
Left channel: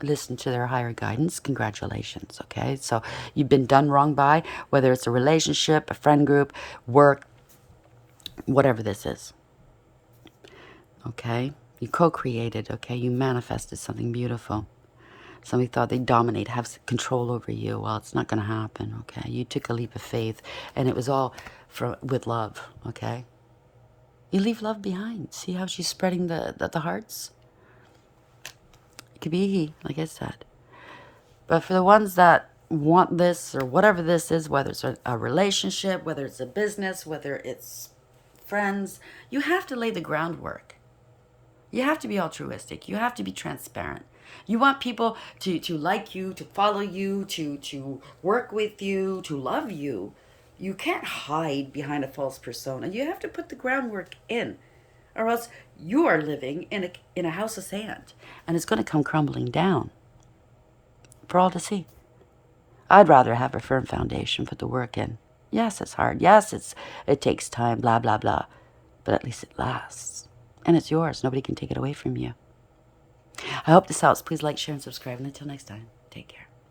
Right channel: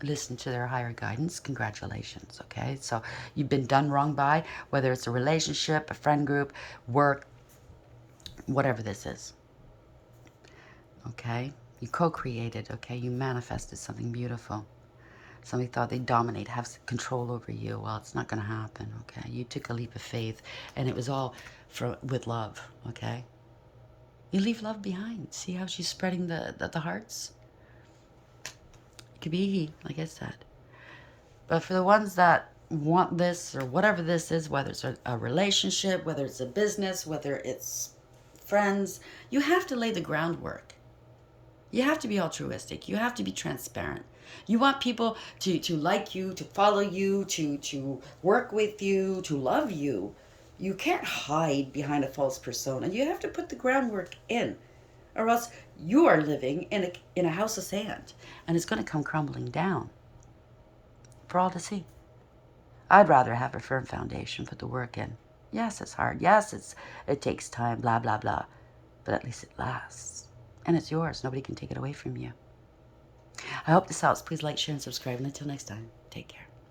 listen to their higher guidance, congratulations, okay? So you've been done wrong by, whether it's a relationship, a friend group, work, whatever this is, okay? You co-created, okay? You manifested something beautiful. Somebody thought they'd dominate, have control over you. Well, it's not going to happen, okay? You took a leap of faith, and it was all with love, okay? You leave love behind. See how she's spreading the hearts? It could be he, like I said. But for the ones that want this or whatever this is, whether it's a relationship, whether it's a business, whether it's friends, you have to lay the groundwork. You have to be altruistic. You have to be transparent. You want people to like you, to follow you, to work with you, to love you. You can't hide behind a false persona. You have to put the groundwork in, or else you are living in a house of sand, and it's going to come crumbling down for all to see. I'd rather have a firm foundation, put the work in. Yes, it's hard. Yes, it takes time, blah, blah, blah. But at least it lasts. And it's yours. Nobody can take it away from you. I hope this helps. Please like, share, and subscribe. And until next time, take care.